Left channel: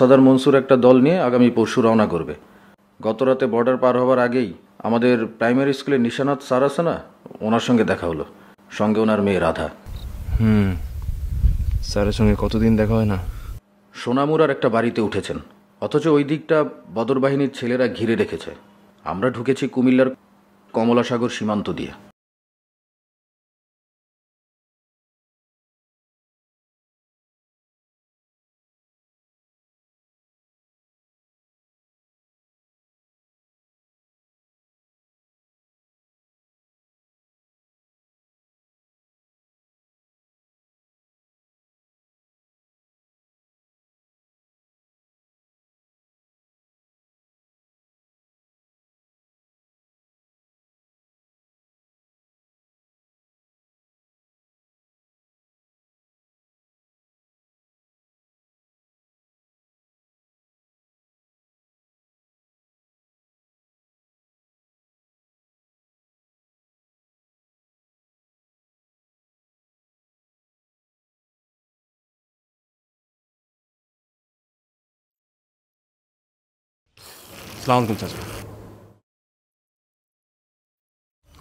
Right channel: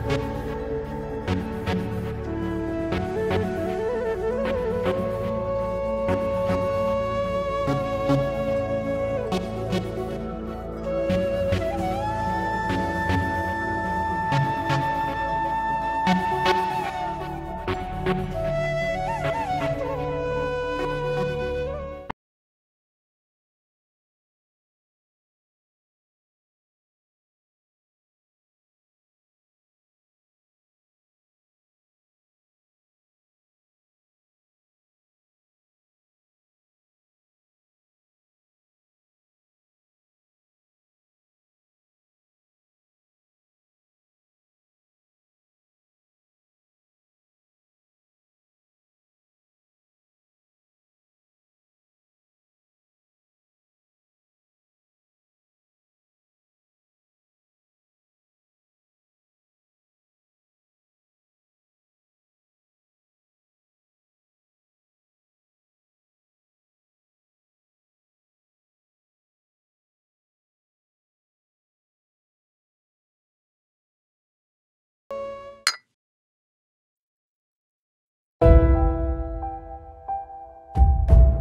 সাদার মনসুর একটা দল নিয়ে আগামী পরশু রওনা করবে। গত রাতে বর্ডার পার হওয়ার আগেই আমাদের প্রাইমারি স্কুলের নিশানাত স্যার আছে না, ওনার সঙ্গে দেখা হলো, সঙ্গে ওনার মেয়ে রাধা। স্যারের সঙ্গে কতদিন দেখা হয় না। সোনামুরার একটা বাড়িতে উঠেছেন, অথচ ওই দিকটা বদর বাহিনীর ছেলেরা ঘিরে রেখেছে। আমরা ঢুকেছি কুমিল্লার কমলাসাগর সীমান্ত দিয়ে। আসসালামু আলাইকুম চাচা।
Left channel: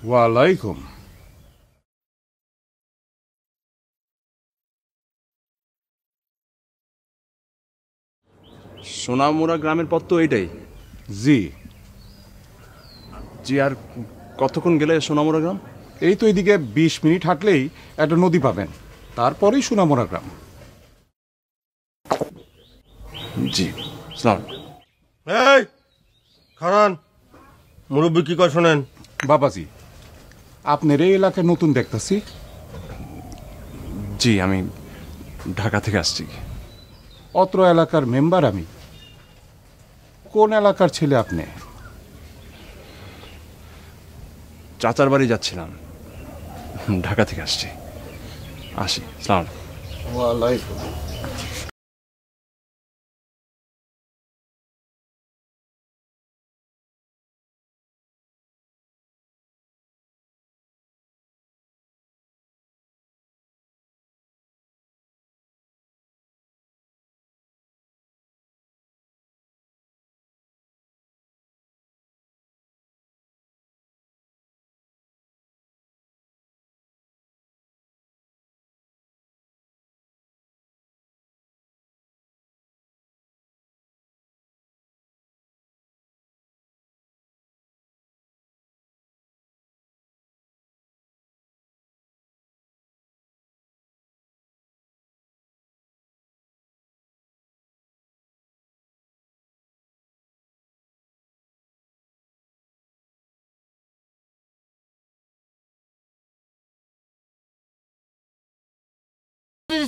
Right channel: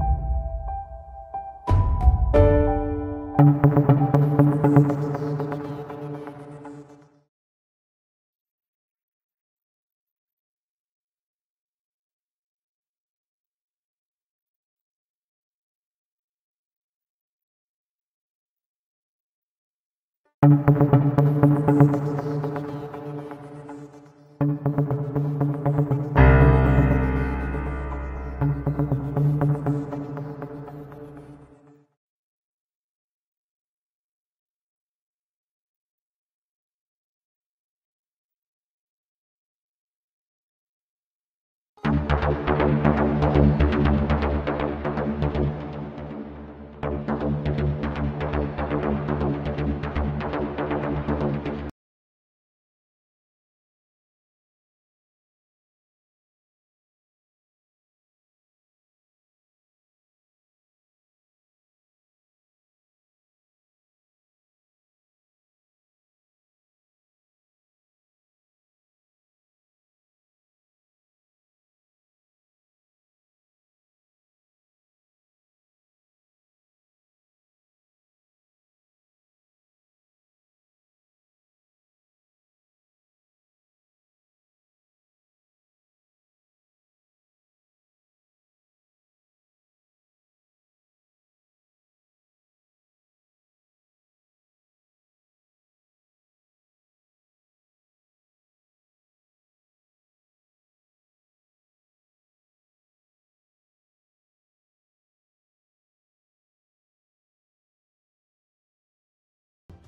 ওয়ালাইকুম। সোনামুরা গ্রামের পথ তো এইটাই। জি জি, আর কতক্ষণ গেলে সোনামুরা গ্রাম? এই তো এদিকে 20 মিনিট হাঁটলেই একটা নদী পাবেন, তারপরেই সোনামুরা গ্রাম। জি, আসসালামু আলাইকুম। এই হারান মুরব্বী কি কয় শোনেন। বাবাজি, আপনার এই এলাকায় নতুন দেখতেছি। জি, আমি ঢাকা থেকে আসছি। অত্র এলাকার মেম্বার আমি। কোন এলাকার ছেলে আপনি? চাচার বাড়ি যাচ্ছিলাম, ঢাকা থেকে আসছি। আসি, আসসালামু আলাইকুম।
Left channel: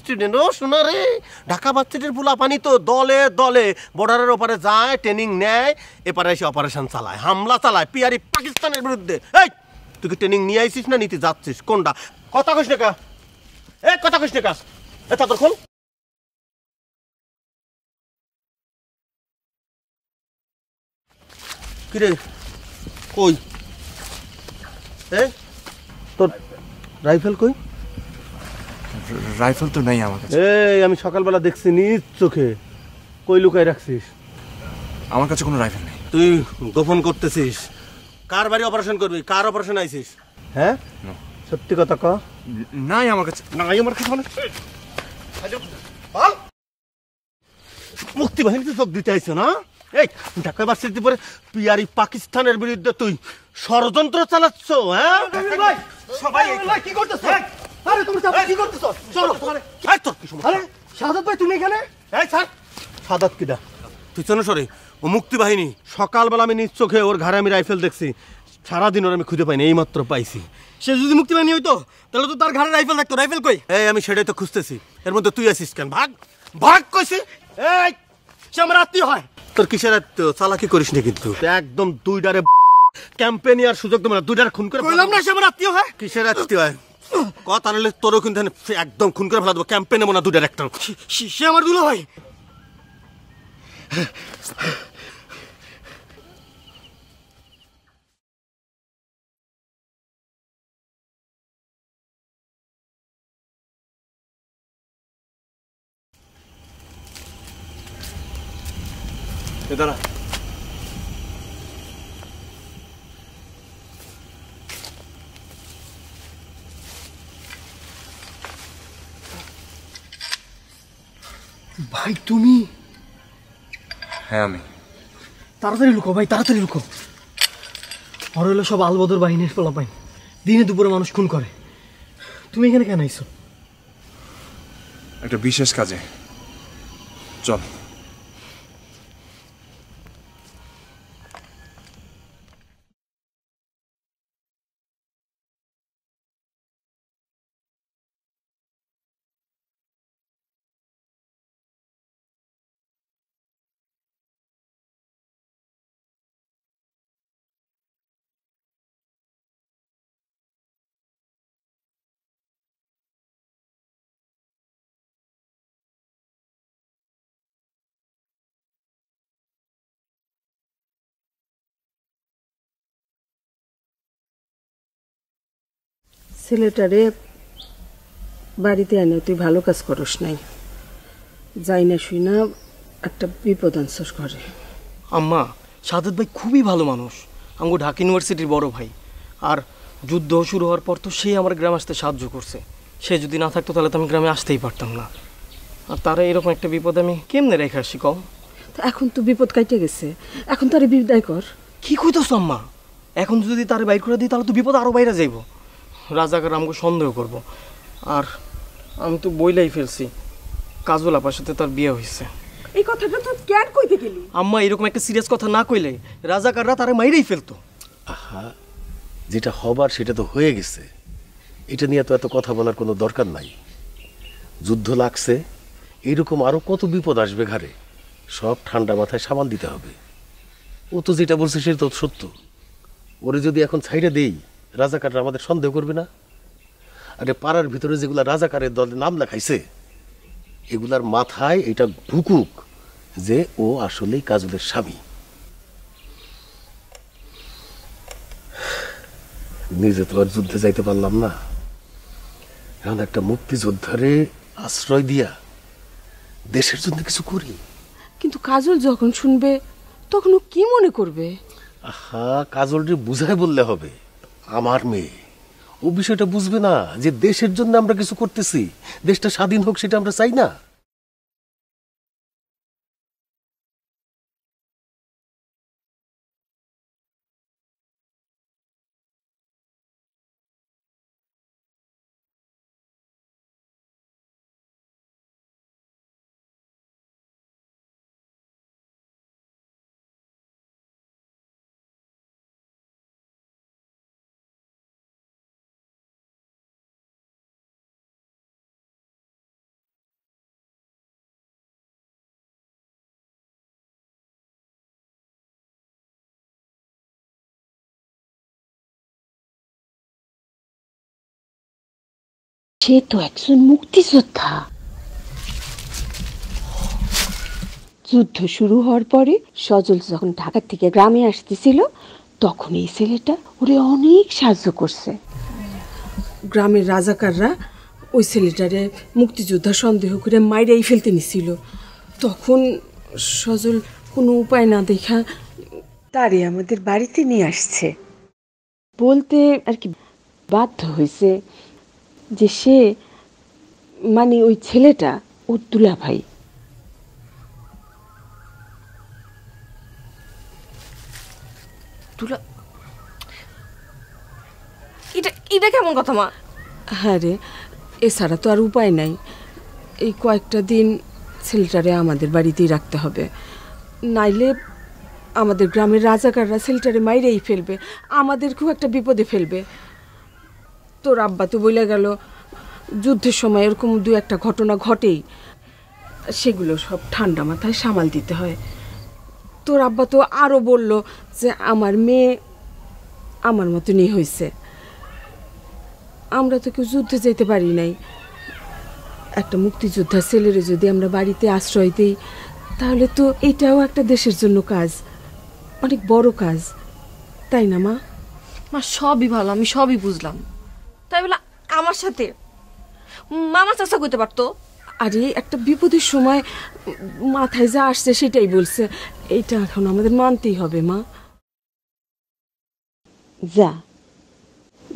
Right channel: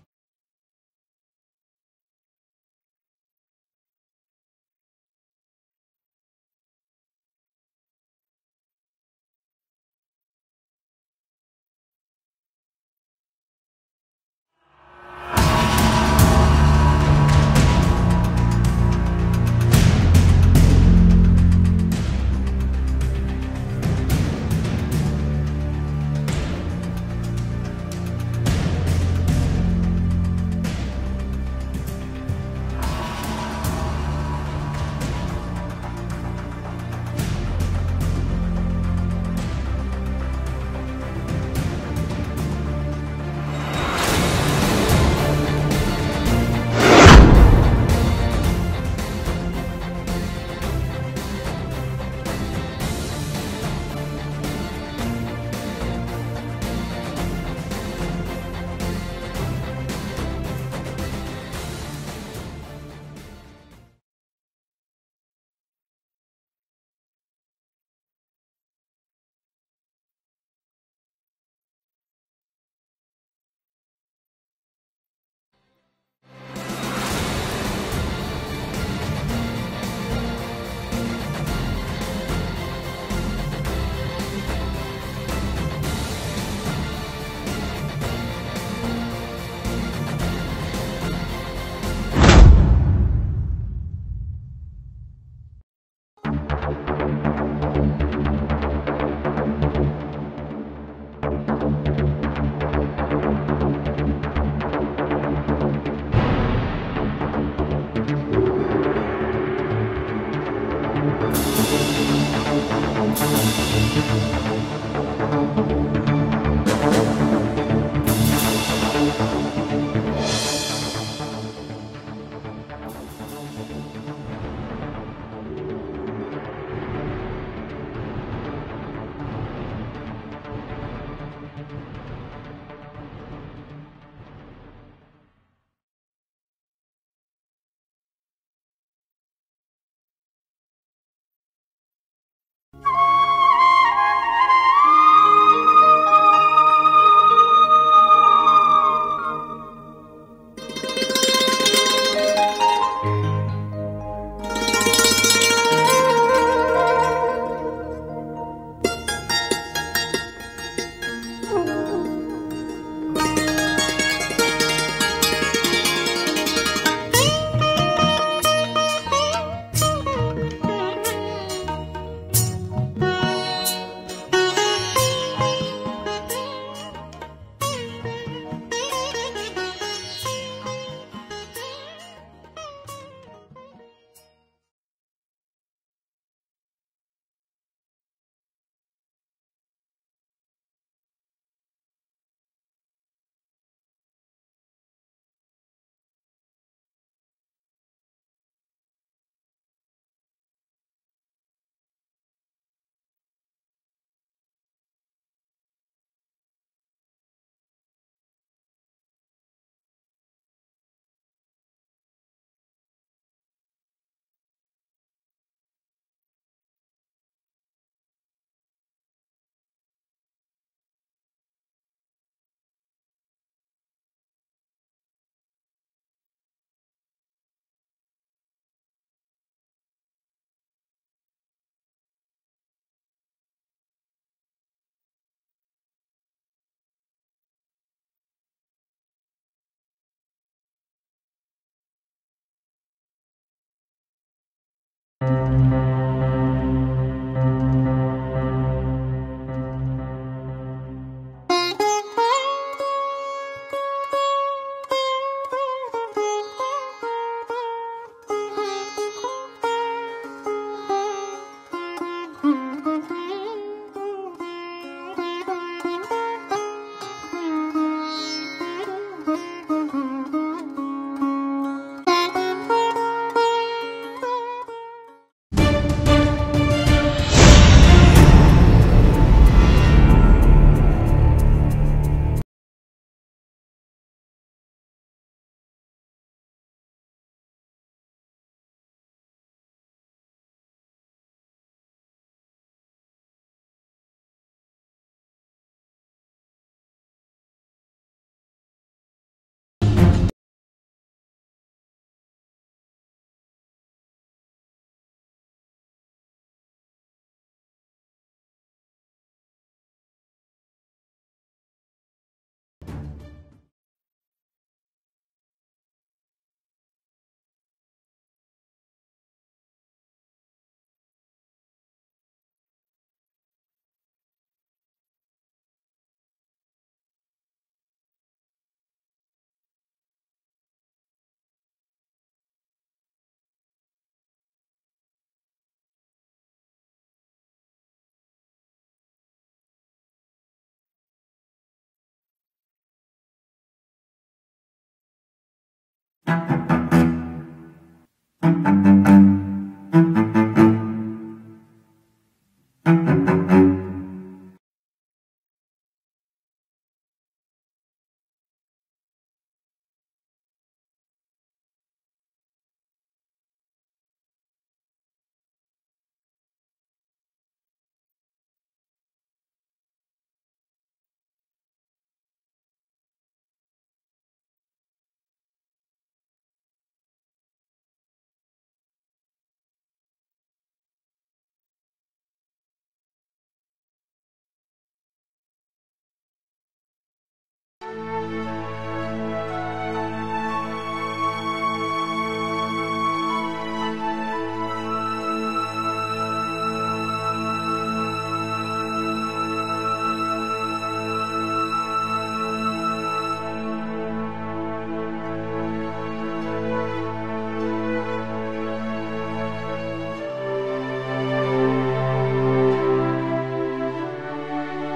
স্টুডেন্ট ও শোনা রে, ঢাকা ভার্সিটির পোলা পানি তো দলে দলে বর্ডারের ওপারে যায়, ট্রেনিং নেয়, এপারে এসে অপারেশন চালায়, হামলা চালায় পিয়ারি পাকিস্তানের বিরুদ্ধে। এই তুই কি ট্রেনিং নিয়ে আইছিস না নিতে যাচ্ছিস? কোনটা? কথা কইস না কা? এ কথা কইস না কা? এ তা তোর বল। কিরে কই? এ তোর রাইফেল কই? রাইফেল তো নেই আমার কাছে। এই আমি সকালবেলা দেখছি নিজ চোখে, কই লুকাই রাখছিস? আমার কাছে কোনো রাইফেল নেই। তুই গোপন করতেছিস। কার বাড়ি অপারেশন করবি? কার অপারেশন আইছিস? হ্যাঁ সত্যি কথা ক। নাই আমার কাছে। নাই আমার কাছে। মুক্তি বাহিনী সব দিতে আইছো না? এই ঢাকা ভার্সিটি পরে পিয়ারি পাকিস্তানের বিরুদ্ধে তুই ষড়যন্ত্র চালাচ্ছ, হ্যাঁ? সবাই কি করতেছ? আরে তুমি কি করতেছ? চলো এই তো। আরে সাদাত ভাই তুমি এখানে? এই স্যার সাদাত কিডা? তুই চেনো সরে? ও মুক্তি বাহিনী। সকালবেলা আমি নিজ চোখে ওর ঘাড়ে আমি রাইফেল দেখছি, সারাদিন ওর আমি খুঁজে পাইনি, এইমাত্র পাইছি। সে যদি মুক্তি বাহিনী হইতো তাহলে তো তার ঘাড়ে রাইফেল থাকতো। রাইফেল কই? এই আমি সেটাই তো খুঁজতেছি, এর মধ্যে তুই আসিস কেন? ভাগ ভাগ কইছিস। এই সে আমার আত্মীয় হয়। তোর কিসের আত্মীয়? চালাকি করিস নি কিন্তু একদম। তুই ডারে ক্যাম্পেইন আর সুযোগ দেব না, তুই ডারে খুন করে কইলাম না সে আমার আত্মীয় হয়। কিসের আত্মীয় হয়? ও তাহলে তোরও কিন্তু একদম খুন করে ফেলা দেবো, ক্যাম্পেইন নেবো না তুই ডারে একটা। সে আমার দুলো ভাই। দাঁড়া। ভাই তুমি হ্যাঁ আমি। তাড়াতাড়ি লুকো ভাই, তাড়াতাড়ি লুকো। আর হলো সব আলবদর বাহিনীর ফলাফল, দিনে দুপুরে মানুষ খুন করে। তুমি এখানে কেন আইছো? একটা বিশেষ কাজে। চল। ছেলেটারে বাড়িতে আনে তুই ভালো কাজ করিস নাই, যাই না শুই না একটা বিপদ আনছস ঘরে। আম্মা, সাদত ভাই খুবই ভালো মানুষ, আমাকে ঢাকা ইউনিভার্সিটির বড় ভাই। আর যুদ্ধ শুরু হওয়ার পর তো সেই আমার গ্রামে আসতে সাহায্য করছে। সে যদি না থাকতো তাহলে তো আমি গ্রামে আসতেই পারতাম না। আর তারা এরকম একটা বিপদ আমি কেমনে রেখে আসি কম? তো এখন তো বিপদ কাটে গেছে, এখন তারে বিদায় কর। কি কইতেছ আম্মা? এখন যদি তারে বাইর করে দিই তাহলে তো বিপদ আরও বাইরে যাইব। রাজাকার আমাকে সন্দেহ করব। আর আমি তো বইলাই ফেলছি কাজল আপার সাথে তার বিয়ে হয়েছে। এই কথাটা তো কেন কইতে গেলি? আম্মা, এরকম একটা সিরিয়াস কথা না কইলে রাজাকাররা তারে মাইরেই ফেলতো। আহা, যেটা হবার সেটা তো হয়ে গেছে, এটা নিয়ে তো এত কথা বলার কোনো দরকার নাই। যুদ্ধ লাগছে, এরকম আরো কত বিপদ আসবে ঘরে, সব ঠান্ডা মাথায় সামাল দিতে হবে। ও তো যেটা বলছে সেটা তো সত্য। ওরে যদি এখন ছাইড়া দেই, রাজাকাররা আমাদের সন্দেহ করবে না? আরে পাড়ার ভিতরে যেগুলা রাজাকারের দলে নাম লেখাইছে, এগুলার মাথায় এটা ঢুকুক যে ও আসলেই কাজলের স্বামী। নিজে তো আর যুদ্ধে যাইতে পারলাম না, এখন একটা মুক্তিযোদ্ধারে আশ্রয় দিয়া দেশের জন্য কিছু করি। কিন্তু কাজল যখন শুনবে তখন ও কি মনে করবে? আহা, কাজলরে বুঝায় বললে হবে, আমার মেয়ে, ও বিষয়টা বুঝবে না যে দেশের জন্য আমরা কিছু করতেছি, দেশটা স্বাধীন হোক সেটা আমরা চাই না। সে তো একজন মুক্তিযোদ্ধা। যুদ্ধ শুরু হওয়ার পরে সজল যখন ঢাকা থেকে গ্রামে আসতেছিল তখন এই ছেলেটা ওরে অনেক সাহায্য করছে। গ্রামের রাজাকাররা ওই ছেলেটারে মুক্তিযোদ্ধা সন্দেহ করে মাইরাই ফেলতে নিছিল। তখন সজল কোনো উপায় না দেখা তারে আমাদের বাড়িতে নিয়ে আসছে। বলতে আর কি বাধ্য হয়েছে যে সে মানে ওই ছেলেটা ওর দুলা ভাই। এটা কেমন কথা মা? হ্যাঁ রে, এছাড়া তো আর উপায় নাই। এই কয়েকটা দিন ছেলেটারে আমাদের বাড়িতেই রাখতে হবে, নাইলে আমাদের গ্রামের রাজাকাররা ছেলেটারে মাইরেই ফেলবে, আমাদেরকেও একটা বিপদে ফেলবে। তোর আব্বা তো বলে গেল যুদ্ধের সময় এরকম দু একটা ঘটনা ঘটেই, সেগুলো সব ঠান্ডা মাথায় সামাল দিতে হয়। তোর আব্বা তো আরও বলল যে আমার মেয়ে আমার মতনই হয়েছে, আমরা তো কেউ যুদ্ধে যেতে পারি নাই। একটা মুক্তিযোদ্ধা ছেলেরে যদি আমরা বাড়িতে আশ্রয় দিই তাহলে তো এটাও একটা দেশের জন্য কাজ, অনেক বড় কাজ, তাই না মা? সবই ভালো, আমি সবই বুঝলাম। তাই বলে আমার সাথে মামা চাচা করতে পারতো? আরে একটা বিপদের সময় মাথায় যা আসছে সেটাই বলছে, এটা এখন আমাদের মানতেই হবে মা। যা,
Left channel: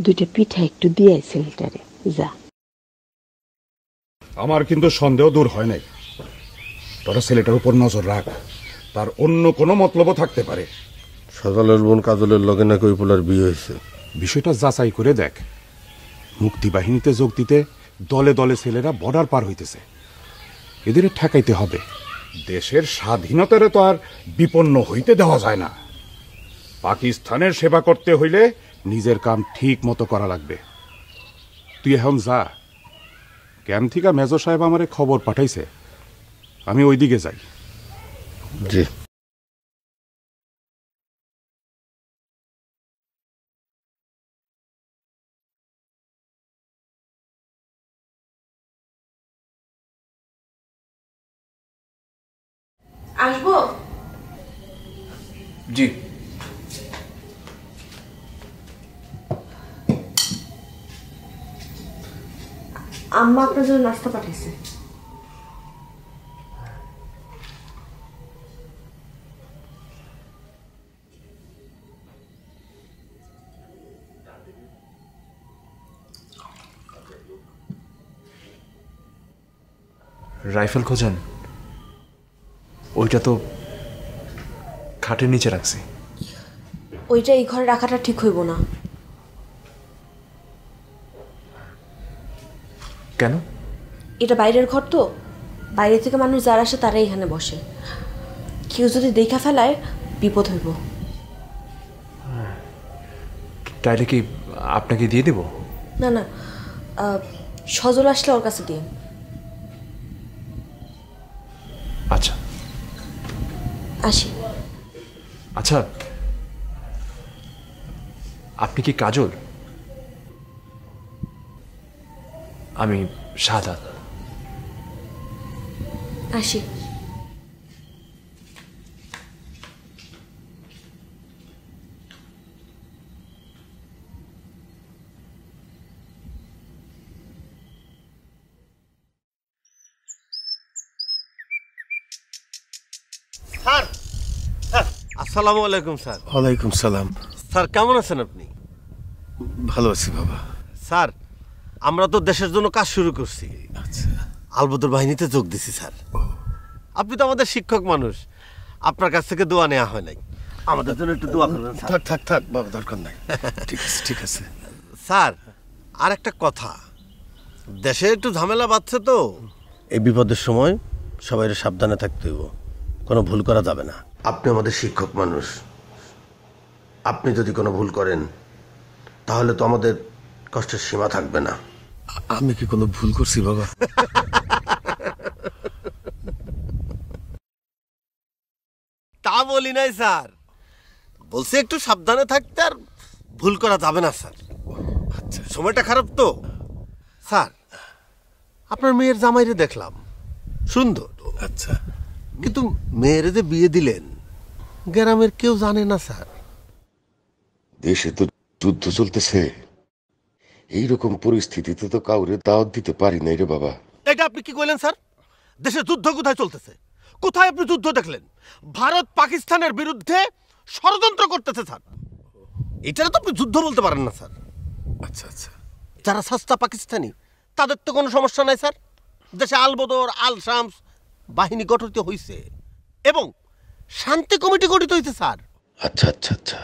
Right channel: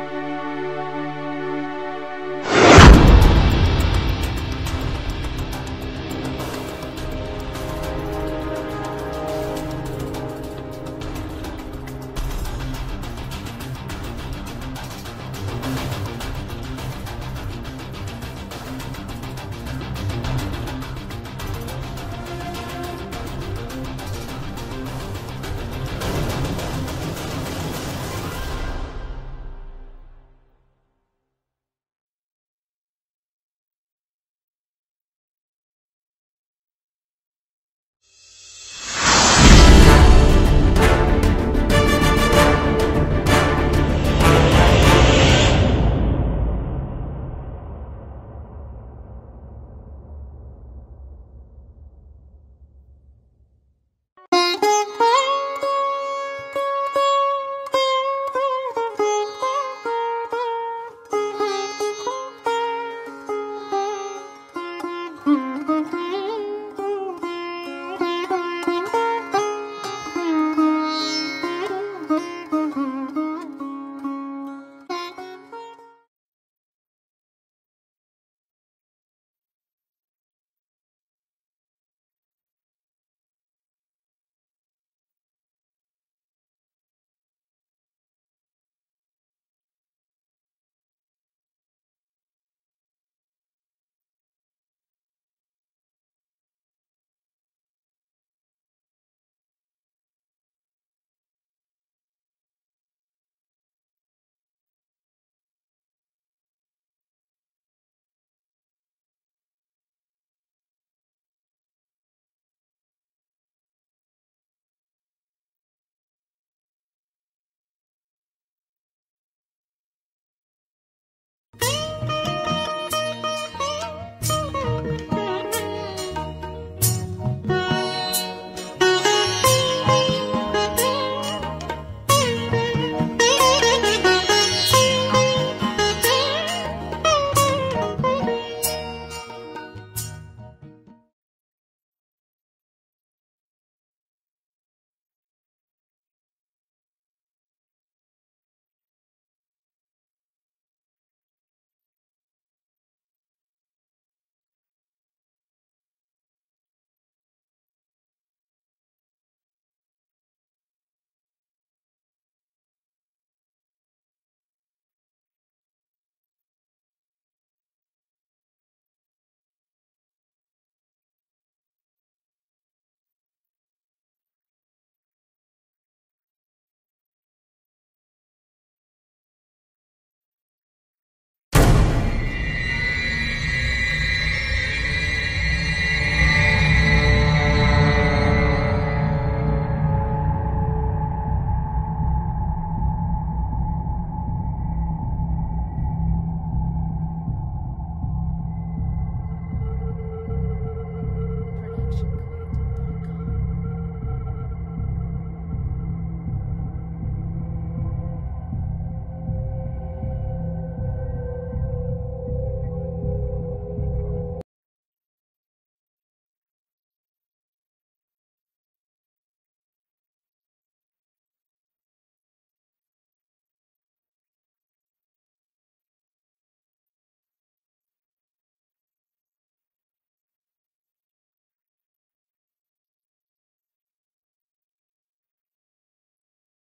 দুইটা পিঠা একটু দিয়ে ছেলেটারে, যা। আমার কিন্তু সন্দেহ দূর হয় নাই। তোরা ছেলেটার উপর নজর রাখ, তার অন্য কোনো মতলবও থাকতে পারে। সকালের বোন কাজলের লগে নাকি ওই পোলার বিয়ে হয়েছে। বিষয়টা যাচাই করে দেখ। মুক্তিবাহিনীতে যোগ দিতে দলে দলে ছেলেরা বর্ডার পার হইতেছে, এদের ঠেকাইতে হবে। দেশের স্বাধীনতারে তো আর বিপন্ন হইতে দেওয়া যায় না। পাকিস্তানের সেবা করতে হইলে নিজের কাম ঠিক মতো করা লাগবে। তুই এখন যা, ক্যাম্প থেকে মেজর সাহেব আমারে খবর পাঠাইছে, আমি ওইদিকে যাই। জি। আসবো? জি। আম্মা আপনার জন্য নাস্তা পাঠাইছে। রাইফেল খোঁজেন? ওইটা তো খাটের নিচে রাখছি। ওইটা এই ঘরে রাখাটা ঠিক হইব না। কেন? এটা বাইরের ঘর তো, বাইরে থেকে মানুষ যারা আসে তারাই এখানে বসে। কেউ যদি দেখা ফেলায় বিপদ হইব। তাইলে কি আপনাকে দিয়ে দেব? না না, সজল আসলে ওর কাছে দিয়ে। আচ্ছা। আসি। আচ্ছা, আপনি কি কাজল? আমি শাহাদাত। আসি। স্যার, আসসালামু আলাইকুম স্যার। ওয়ালাইকুম সালাম। স্যার কেমন আছেন আপনি? ভালো আছি বাবা। স্যার, আমরা তো দেশের জন্য কাজ শুরু করছি। আচ্ছা। আলবদর বাহিনীতে যোগ দিছি স্যার। আপনি তো আমাদের শিক্ষক মানুষ, আপনার কাছ থেকে দোয়া নেওয়া হয় নাই। আমাদের জন্য একটু দোয়া করবেন স্যার। থাক থাক থাক বাবা, দরকার নাই। ঠিক আছে ঠিক আছে। স্যার, আর একটা কথা, দেশে একটু ঝামেলা বাঁধছে তো, এই বিপদের সময় সবাই সাবধানে থাকতে হইব, কোনো ভুল করা যাবে না। আপনি আমাদের শিক্ষক মানুষ, আপনি যদি কোনো ভুল করেন তাহলে তো আমাদের কষ্টের সীমা থাকবে না। আমি কি কোনো ভুল করছি বাবা? তা বলি নাই স্যার, বলছে একটু সাবধানে থাকতে, আর ভুল করা যাবে না স্যার। আচ্ছা। সময়টা খারাপ তো স্যার। আপনার মেয়ের জামাইরে দেখলাম, সুন্দর। আচ্ছা। কিন্তু মেয়ের যে বিয়ে দিলেন, গ্রামের কেউ জানে না স্যার। দেশে তো যুদ্ধ চলতেছে, এইরকম পরিস্থিতিতে তো কাউরে দাওয়াত দিতে পারি নাই রে বাবা। এটা আপনি কি কইলেন স্যার? দেশে যুদ্ধ কোথায় চলতেছে? কোথায় আপনি যুদ্ধ দেখলেন? ভারত পাকিস্তানের বিরুদ্ধে ষড়যন্ত্র করতেছে স্যার। এটা তো আপনি যুদ্ধ বলতে পারেন না স্যার। আচ্ছা আচ্ছা। যারা সস্তা পাকিস্তানি তাদের তো কোনো সমস্যা নাই স্যার। দেশে আলবদর, আল শামস বাহিনী গঠিত হয়েছে এবং শান্তি কমিটি গঠিত হয়েছে স্যার। আচ্ছা আচ্ছা আচ্ছা।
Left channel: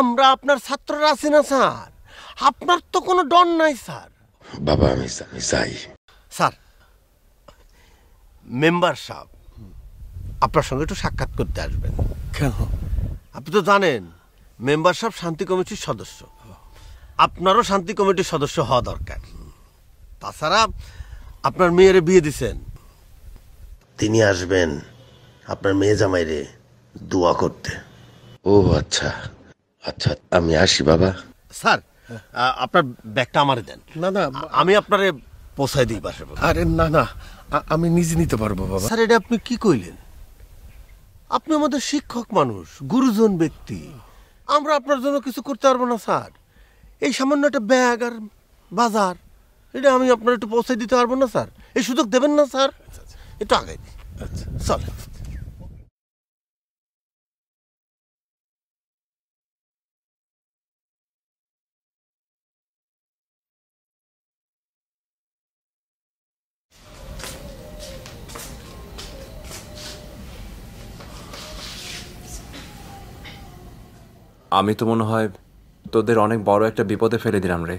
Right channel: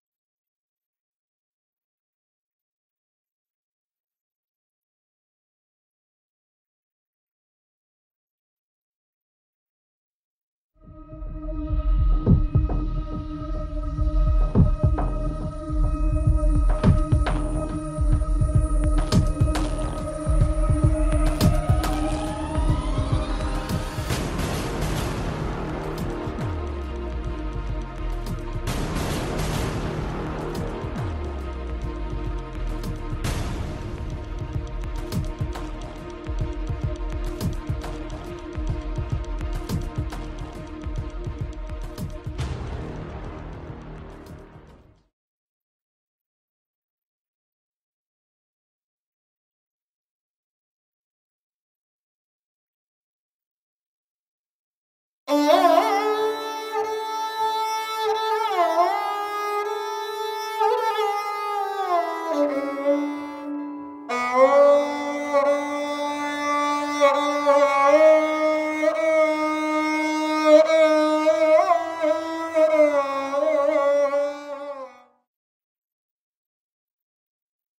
আমরা আপনার ছাত্ররা আছি না স্যার, আপনার তো কোনো ডর নাই স্যার। বাবা আমি যাই। স্যার, মেম্বার সাহেব আপনার সঙ্গে একটু সাক্ষাৎ করতে আসবেন। কেন? আপনি তো জানেন মেম্বার সাহেব শান্তি কমিটির সদস্য, আপনারও শান্তি কমিটির সদস্য হওয়া দরকার। তাছাড়া আপনার মেয়ের বিয়ে দিছেন, তিনি আসবেন আপনার মেয়ে জামাইরে দোয়া করতে। ও আচ্ছা আচ্ছা, আমি আসি বাবা। স্যার, আপনার ব্যাগটা আমারে দেন। না না, আমি আপনারে পৌঁছায় দিই বাসে। আরে না না, আমি নিজে নিতে পারবো বাবা। স্যার, এটা আপনি কি কইলেন? আপনি আমাদের শিক্ষক মানুষ, গুরুজন ব্যক্তি, আমরা আপনার জন্য কিছু করতে পারবো না স্যার। এই সামান্য একটা ব্যাগ আর বাজার, এটা আমি আপনার একটু পৌঁছে দিতে পারবো না স্যার। এই সুযোগ দেবেন না স্যার? একটু আগে চল। আমি তো মনে হয় তোদের অনেক বড় একটা বিপদে ফেলে দিলাম রে।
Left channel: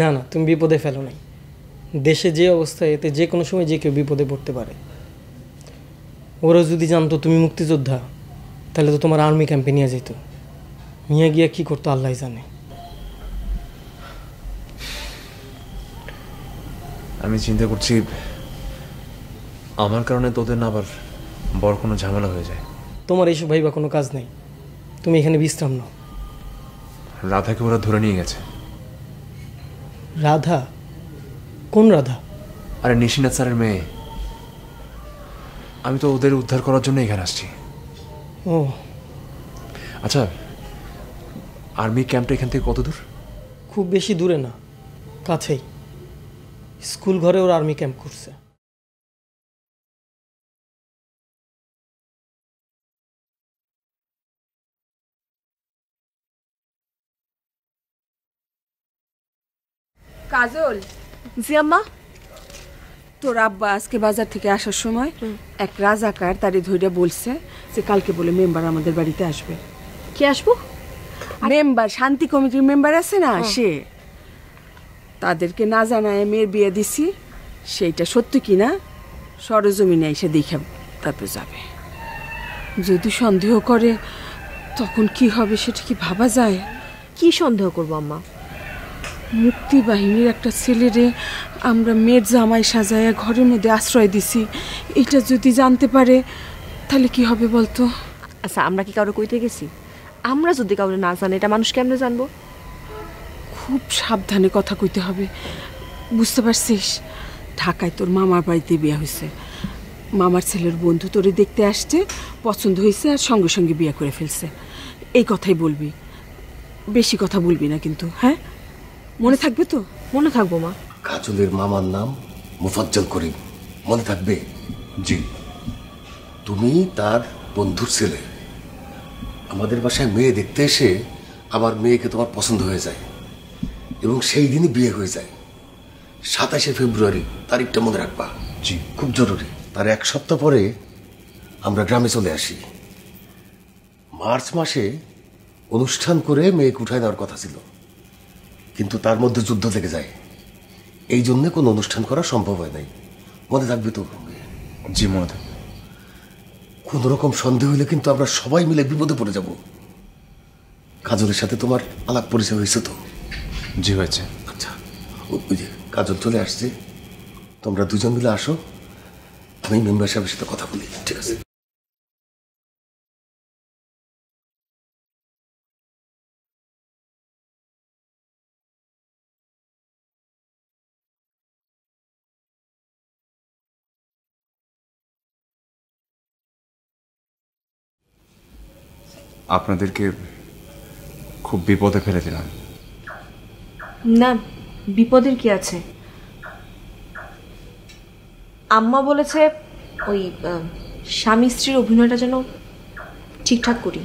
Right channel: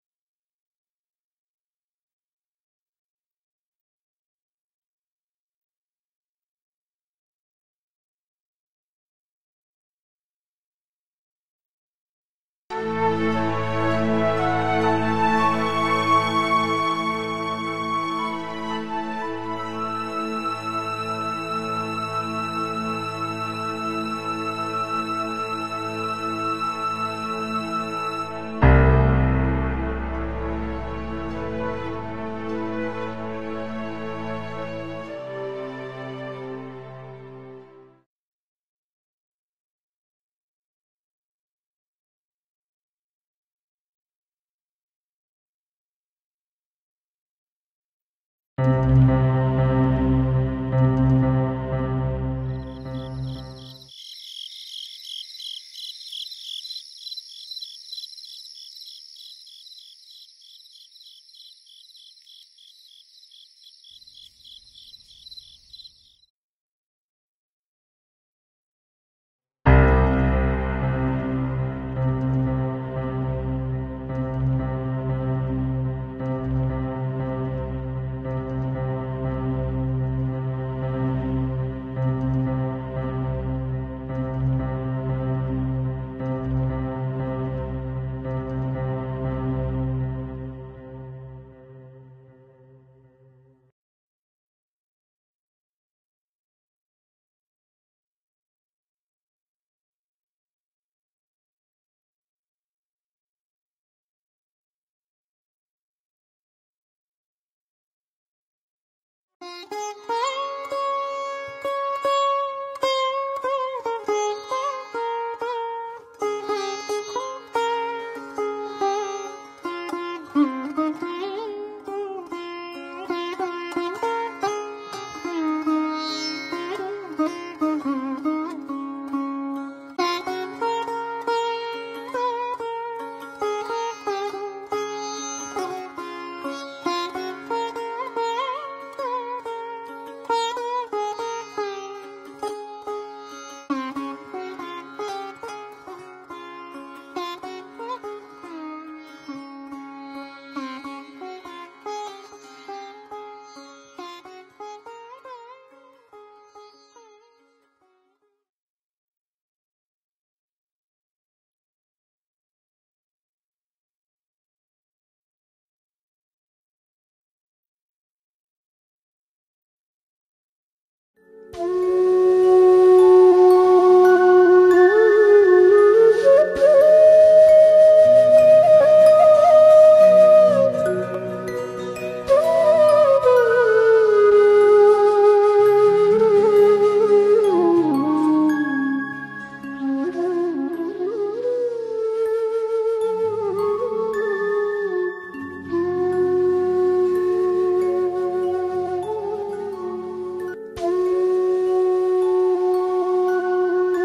না না, তুমি বিপদে ফেলো নাই। দেশে যে অবস্থা, এতে যে কোনো সময় যে কেউ বিপদে পড়তে পারে। ওরা যদি জানতো তুমি মুক্তিযোদ্ধা, তাহলে তো তোমার আর্মি ক্যাম্পে নিয়ে যেত। নিয়ে গিয়ে কি করতো আল্লাহ জানে। আমি চিন্তা করছি আমার কারণে তোদের না আবার বড় কোনো ঝামেলা হয়ে যায়। তোমার এইসব ভাইবা কোনো কাজ নেই, তুমি এখানে বিশ্রাম নাও। রাধাকে ওরা ধরে নিয়ে গেছে। রাধা? কোন রাধা? আরে নিশিনাথ স্যারের মেয়ে। আমি তো ওদের উদ্ধার করার জন্য এখানে আসছি। ও আচ্ছা, আর্মি ক্যাম্পটা এখান থেকে কত দূর? খুব বেশি দূরে না, কাছেই। স্কুল ঘরে ওরা আর্মি ক্যাম্প করছে। কাজল। জি আম্মা। তোর আব্বা আজকে বাজার থেকে আসার সময় এক রাজাকার তারে ধইরা বলছে যে কালকে বলে মেম্বার আমাদের বাড়িতে আসবে। কে আসবো? মেম্বার, শান্তি কমিটির মেম্বার আছে না, সে। তাদেরকে না জানায় মেয়ের বিয়ে দিছি, সেইটা সত্য কিনা সরজমিনে এসে দেখে তারপর যাবে। যদি সন্দেহ করে তখন কি হবে সেটা কি ভাবা যায়? কি সন্দেহ করবো আম্মা? মুক্তি বাহিনীর একটা ছেলেরে আমরা মেয়ের জামাই সাজায়া ঘরের মধ্যে আশ্রয় দিছি, এটা যদি জানতে পারে তাহলে কি হবে বলতো? আচ্ছা, আমরা কি কাউরে কইতে গেছি? আমরা যদি কাউরে না জানি, এটা মানুষ কেমনে জানবো? খুব সাবধানে কথা কইতে হবে, বুঝতে পারছিস? ঢাকায় তোর মামার বাড়িতে বিয়ে হয়েছে, মামার ছেলের বন্ধু তোরে দেখতে আসছে, পছন্দ হয়েছে আর সঙ্গে সঙ্গে বিয়ে করে ফেলছে। এই কথাই বলবি, বেশি কথা বলবি না কিন্তু, হ্যাঁ? মনে থাকবে তো? মনে থাকবো মা। কাজলের মামার নাম মুফাজ্জল করিম, মনে থাকবে? জি। তুমি তার বন্ধুর ছেলে। আমাদের বাসায় মেয়ে দেখতে এসে আমার মেয়েকে তোমার পছন্দ হয়ে যায় এবং সেই দিনই বিয়ে হয়ে যায়। 27শে ফেব্রুয়ারি তারিখটা মনে রাখবা। জি, খুব জরুরি। তার এক সপ্তাহ পরে আমরা গ্রামে চলে আসি। মার্চ মাসে অনুষ্ঠান করে মেয়েকে উঠায় নেওয়ার কথা ছিল, কিন্তু তার মধ্যে যুদ্ধ লেগে যায়। এই জন্য কোনো অনুষ্ঠান করা সম্ভব হয় নাই। মনে থাকবে তো? জি মনে থাকবে। কোন রকম সন্দেহ হইলে কিন্তু আমরা সবাই মিলে বিপদে পড়ে যাব। কাজলের সাথে তোমার আলাপ পরিচয় হয়েছে তো? জি হয়েছে। আচ্ছা, ওই যে কাজল চলে আসছে, তোমরা দুজন মিলে আসো, আমি মেম্বার সাহেবের সাথে কথা বলি। ঠিক আছে? আপনাদেরকে খুব বিপদে ফেলে দিলাম। না, বিপদের কি আছে? আম্মা বলেছে ওই স্বামী স্ত্রীর অভিনয়টা যেন ঠিকঠাক করি।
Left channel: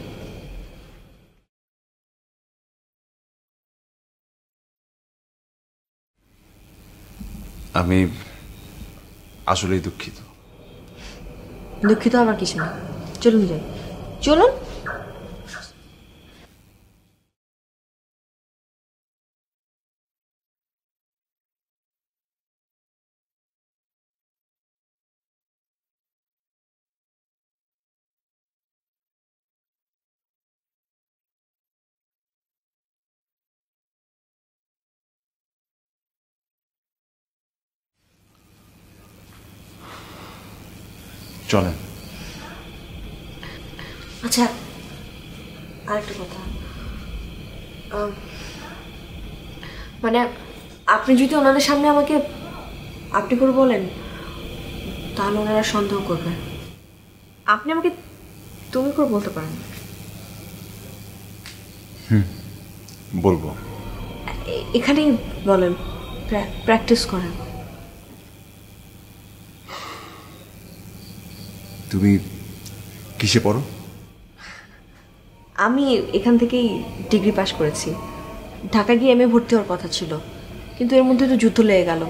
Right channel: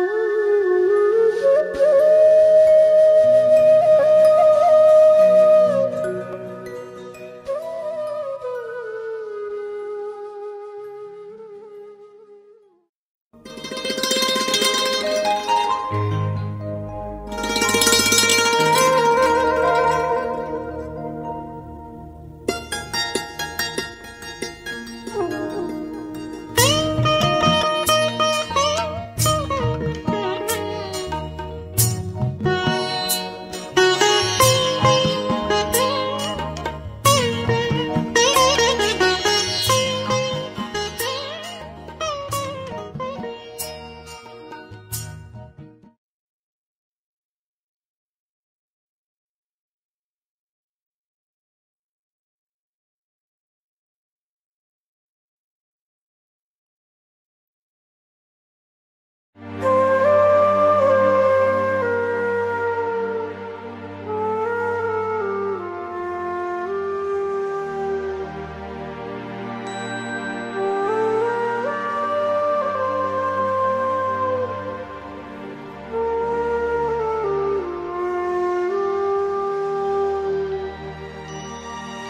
আমি আসলেই দুঃখিত। দুঃখিত আবার কিছু না, চলুন যাই। চলুন। চলেন। আচ্ছা, আরেকটা কথা, মানে আপনি যদি ওনাদের সামনে আমাকে আপনি করে বলেন, তাহলে ওনারা সন্দেহ করবে। আপনি আমাকে তুমি করে বলতে পারেন। বলবো। এখানেই বলেন, প্র্যাকটিস করেন। তুমি কিসে পড়ো? আমি এখান থেকেই ডিগ্রি পাশ করেছি। ঢাকা গিয়ে এমএ ভর্তি হওয়ার কথা ছিল, কিন্তু এর মধ্যে তো যুদ্ধ লেগে গেল।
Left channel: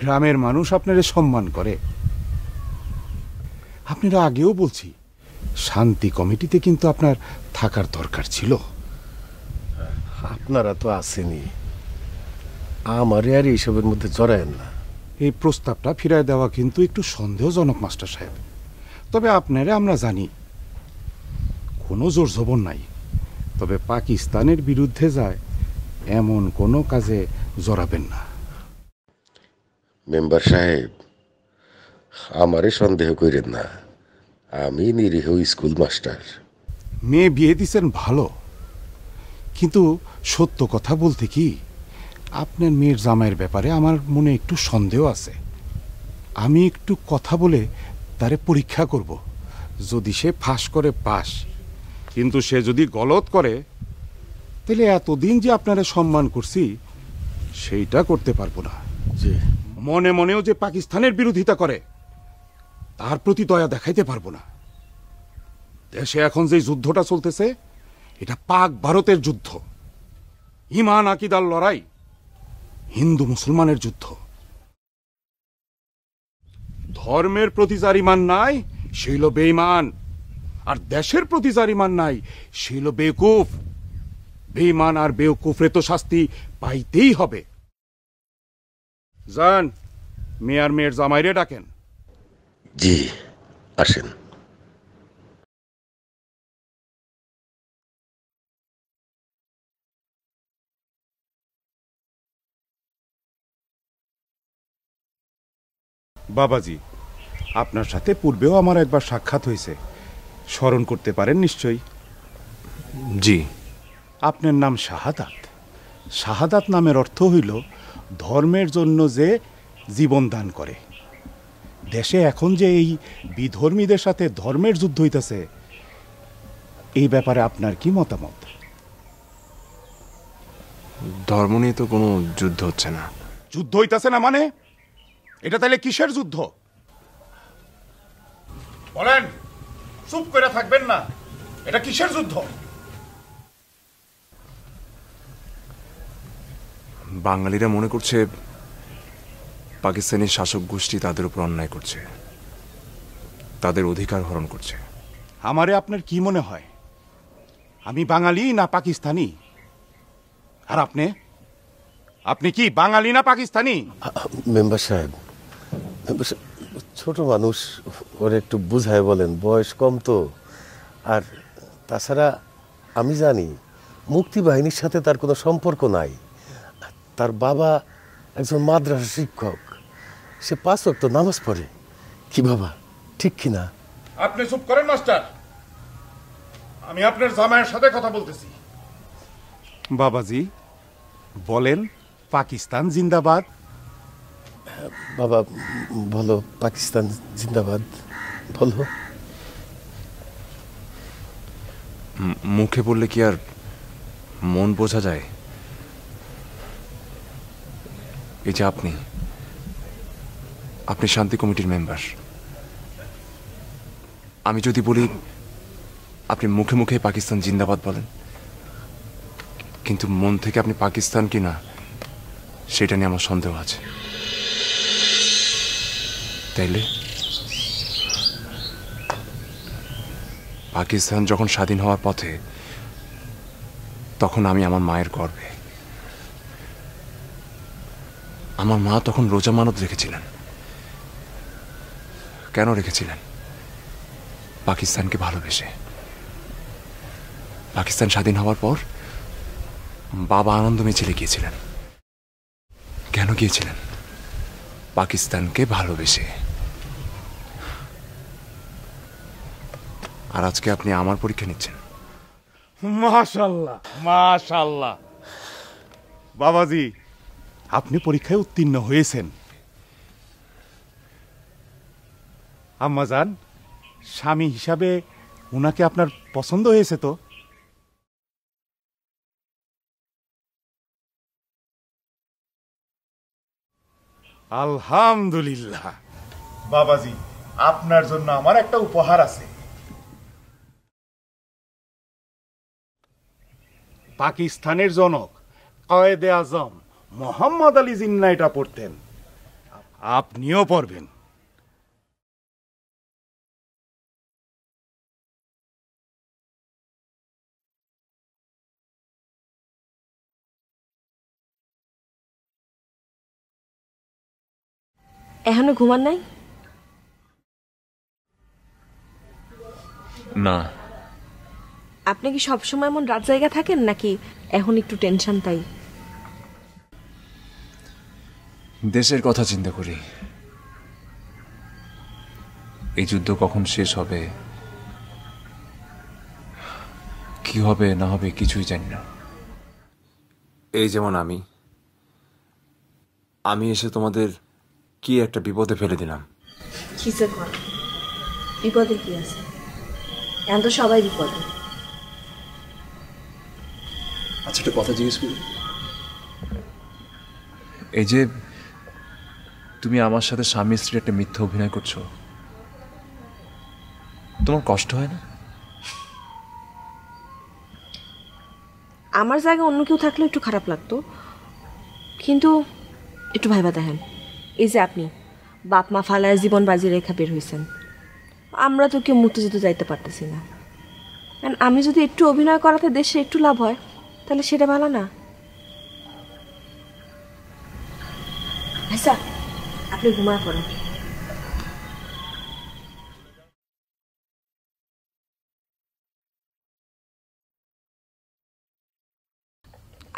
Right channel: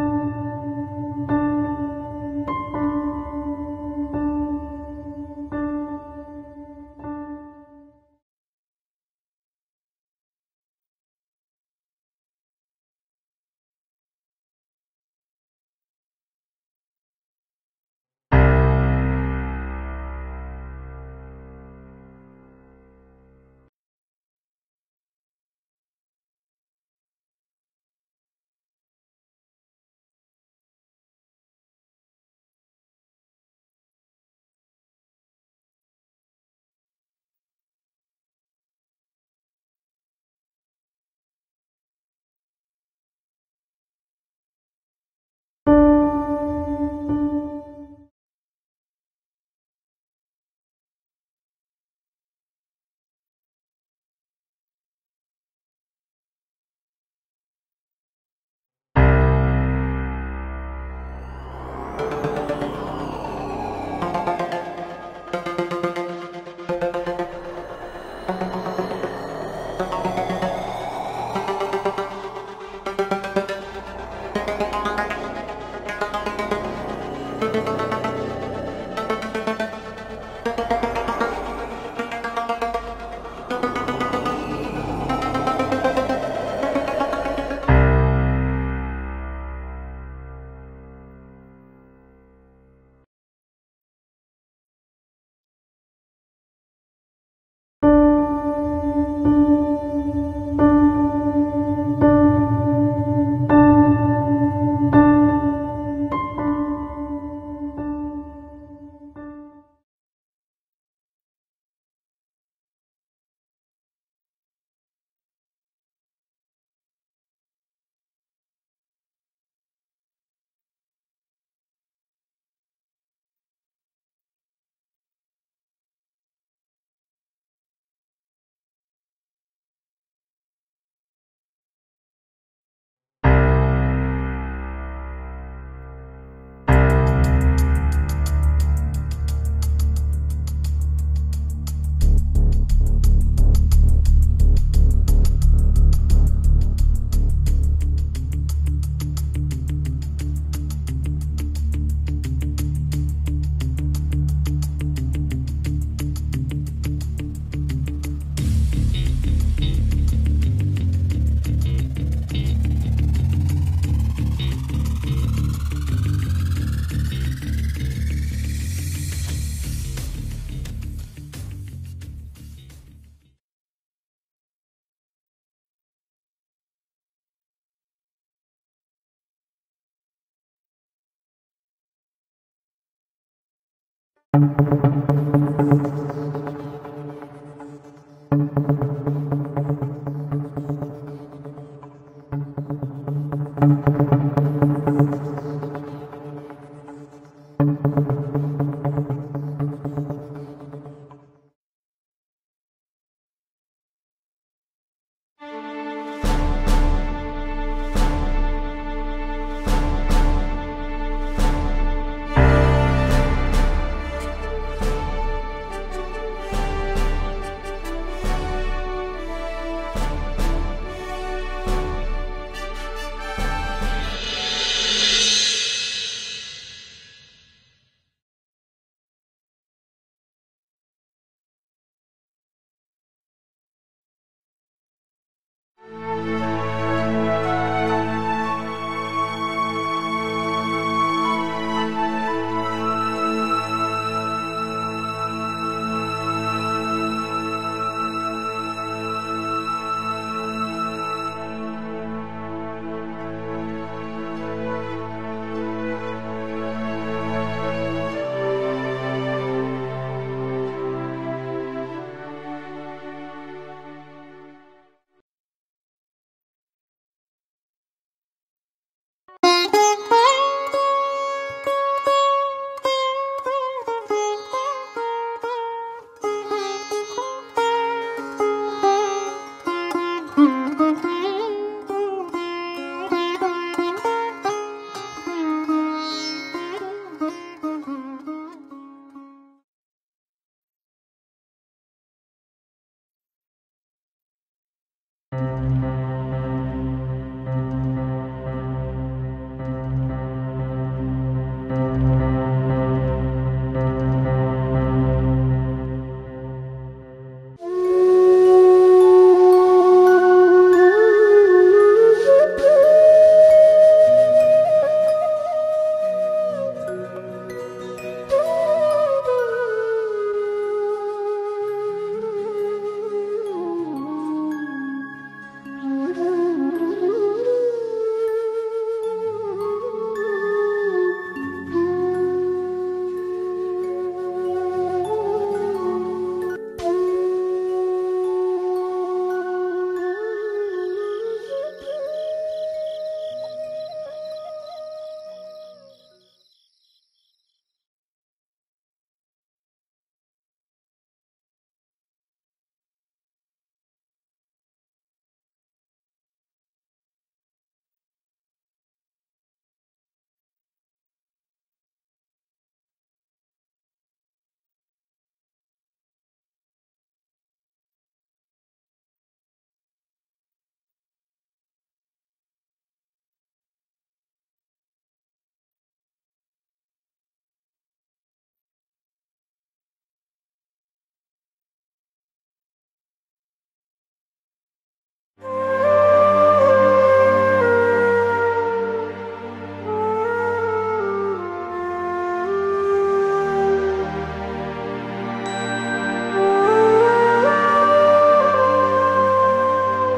গ্রামের মানুষ আপনারে সম্মান করে। আপনারা আগেও বলছি, শান্তি কমিটিতে কিন্তু আপনার থাকার দরকার ছিল। আপনারা তো আসেনি, আমারে আর এইসবের মধ্যে জড়ায়েন না। এই প্রস্তাবটা ফিরায় দেওয়া কিন্তু একটু সন্দেহজনক মাস্টার সাহেব। তবে আপনারে আমরা জানি কোনো জোর জবর নাই, তবে পাকিস্তানের বিরুদ্ধে যায় এমন কোনো কাজে জড়াবেন না। মেম্বার সাহেব, আমারে সন্দেহ করেন না, আমি নিরীহ স্কুল মাস্টার। মেয়ে বিয়ে দিচ্ছেন ভালো, কিন্তু সত্য কথা বলতে কি, আপনার মেয়ের জামাইয়ের ব্যাপারে আমার মনে একটু সন্দেহ আছে। আমি একটু কথা বলে তারে পরীক্ষা করব। যদি সে ফাঁস করে পাস, কিন্তু সে যদি গলত করে, তাহলে এতদিন যে আপনারা সম্মান করছি সেইটা করতে পারবো না। মনে মনেও যে পাকিস্তানের বিরোধিতা করে তার প্রতি দয়া দেখাইতে পারবো না। দেশে এখন যে যুদ্ধটা চলতেছে, এটা পাক ভারতের যুদ্ধ, ঈমান আকীদার লড়াই, হিন্দু মুসলমানের যুদ্ধ। ধর্মের প্রতি যার ঈমান নাই সে হলো বেঈমান, আর দেশের প্রতি যার ঈমান নাই সে হলো বেকুফ। বেঈমান আর বেকুফের তো শাস্তি পাইতেই হবে। যান, মেয়ার মেয়ের জামাইরে ডাকেন। জি, আসেন। বাবাজি, আপনার সাথে পূর্বেও আমার একবার সাক্ষাৎ হয়েছে, স্মরণ করতে পারেন নিশ্চয়ই? জি। আপনার নাম শাহাদাত। শাহাদাত নামের অর্থ হইল ধর্মের জন্য যে জীবন দান করে। দেশে এখন যে এই বিধর্মীদের সাথে ধর্মের যুদ্ধ হইতেছে, এই ব্যাপারে আপনার কি মতামত? ধর্ম নিয়ে তো কোনো যুদ্ধ হচ্ছে না। যুদ্ধ হইতেছে না মানে? এটা তাহলে কিসের যুদ্ধ বলেন? চুপ করে থাকবেন না, এটা কিসের যুদ্ধ? বাঙালিরা মনে করছে পাকিস্তানি শাসক গোষ্ঠী তাদের উপর অন্যায় করছে, তাদের অধিকার হরণ করছে। আমারে আপনার কি মনে হয় আমি বাঙালি না পাকিস্তানি? আর আপনি কি বাঙালি না পাকিস্তানি? মেম্বার সাহেব, ছোট মানুষ, ওর একটু বুঝায় বলেন, বয়স কম তো। আর তাছাড়া আমি জানি মুক্তি বাহিনীর সাথে তার কোনো সম্পর্ক নাই। তার বাবা একজন মাদ্রাসা শিক্ষক, সে 5 ওয়াক্ত নামাজ পড়ে। কি বাবা, ঠিক কিনা? আপনি চুপ করেন মাস্টার, আমি আপনার জামাইয়ের সাথে কথা বলতেছি। বাবাজি বলেন, পাকিস্তান জিন্দাবাদ। বাবা বলো, পাকিস্তান জিন্দাবাদ বলো। মুখে বললে কি আর মন বোঝা যায়? এই যে আপনি শান্তি কমিটির মেম্বার, আমি যদি বলি আপনি মুখে মুখে পাকিস্তান জিন্দাবাদ বলেন, কিন্তু মন থেকে আপনি পাকিস্তান কিনা সেটা নিয়ে আমার সন্দেহ আছে। তাইলে পাকিস্তান যখন স্বাধীন হওয়ার পথে, তখন আমি আমার মায়ের গর্ভে। আমার মা তখন রোজা মানত রেখেছিলেন। কেন রেখেছিলেন? পাকিস্তানকে ভালোবেসে। পাকিস্তান স্বাধীন হওয়ার পর বাবা আনন্দ মিছিলে গিয়েছিলেন। কেন গিয়েছিলেন? পাকিস্তানকে ভালোবেসে। আর আজকে আপনি আমার পরীক্ষা নিচ্ছেন। মাশাআল্লাহ, মাশাআল্লাহ। বাবাজি, আপনি পরীক্ষায় উত্তীর্ণ হয়েছেন। আম্মাজান, স্বামী হিসাবে ওনাকে আপনার পছন্দ হয়েছে তো? আলহামদুলিল্লাহ। বাবাজি, আপনার জন্য আমার একটা উপহার আছে। পাকিস্তানের জনক কয়েদে আজম মোহাম্মদ আলী জিন্না এটা পড়তেন, আপনিও পড়বেন। এখনো ঘুমান নাই? না। আপনি কি সবসময় এমন রাত জায়গা থাকেন নাকি এখন একটু টেনশন তাই? দেশের কথা চিন্তা করি। এই যুদ্ধ কখন শেষ হবে, কি হবে না হবে কিছুই জানি না। এই যেমন আমি এসে তোমাদের কি একটা বিপদে ফেলে দিলাম। কিসে কর? বিপদে কি আছে? এখন তো সবাই বিপদে। আচ্ছা, একটা কথা জিজ্ঞেস করি। এই যে তুমি আমার সাথে স্বামী স্ত্রীর একটা মিথ্যা অভিনয় করছো, তোমার কষ্ট হয় না? আমার জায়গায় অন্য কেউ থাকলে একটু খারাপ লাগতো, কিন্তু একটু ভাইবা দেখেন, এই যে আপনি বাপ মা ফালায় জীবন বাজি রেখা বের হয়েছেন, আমরা তো কেউ মুক্তিযুদ্ধ যাইতে পারতেছি না। আমি যদি একটু অভিনয় করাতে দেশে একটু লাভ হয় তাহলে সেটা ভালো না? আচ্ছা, আপনি ঘুমায় পড়েন।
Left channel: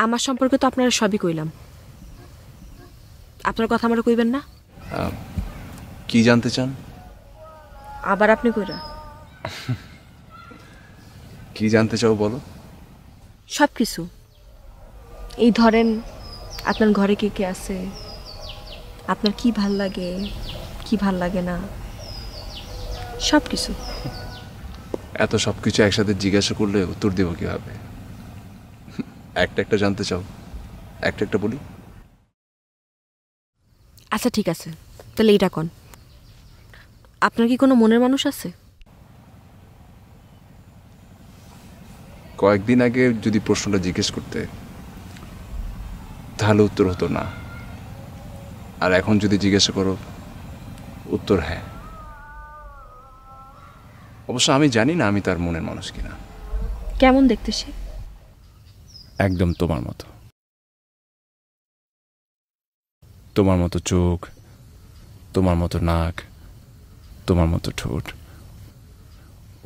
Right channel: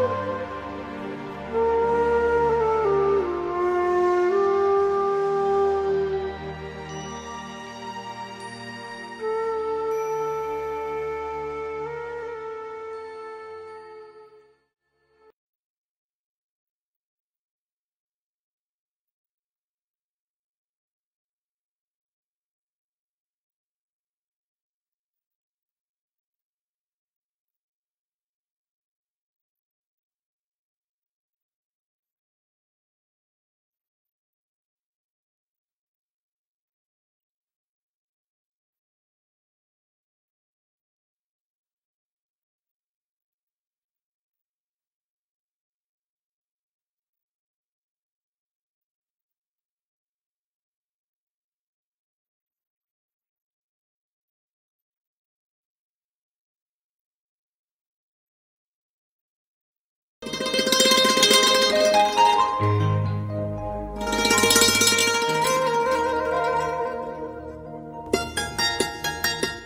আমার সম্পর্কে তো আপনারা সবই কইলাম, আপনার কথা আমরা কইবেন না? কি জানতে চান? আবার আপনি কইরা কি জানতে চাও বলো। সব কিছু। এই ধরেন, আপনার ঘরে কে কে আছে, আপনার কি ভাল লাগে কি ভাল লাগে না, সব কিছু। এত সব কিছু একসাথে জিজ্ঞাসা করলে উত্তর দেবো কিভাবে? একটা একটা জানতে চাও, একটা একটা বলি। আচ্ছা ঠিক আছে, তাহলে এটা কোন, আপনার কি কোনো মনের মানুষ আছে? কয়েকদিন আগে যদি প্রশ্নটা জিজ্ঞেস করতে তাহলে উত্তর হতো না, আর এখন যদি জিজ্ঞাসা করো উত্তর হ্যাঁ। অবশ্য আমি জানি না আমি তার মনের মানুষ কিনা। কেমন দেখতে সে? একদম তোমার মতো, তোমার মতো চোখ, তোমার মতো নাক, তোমার মতো ঠোঁট,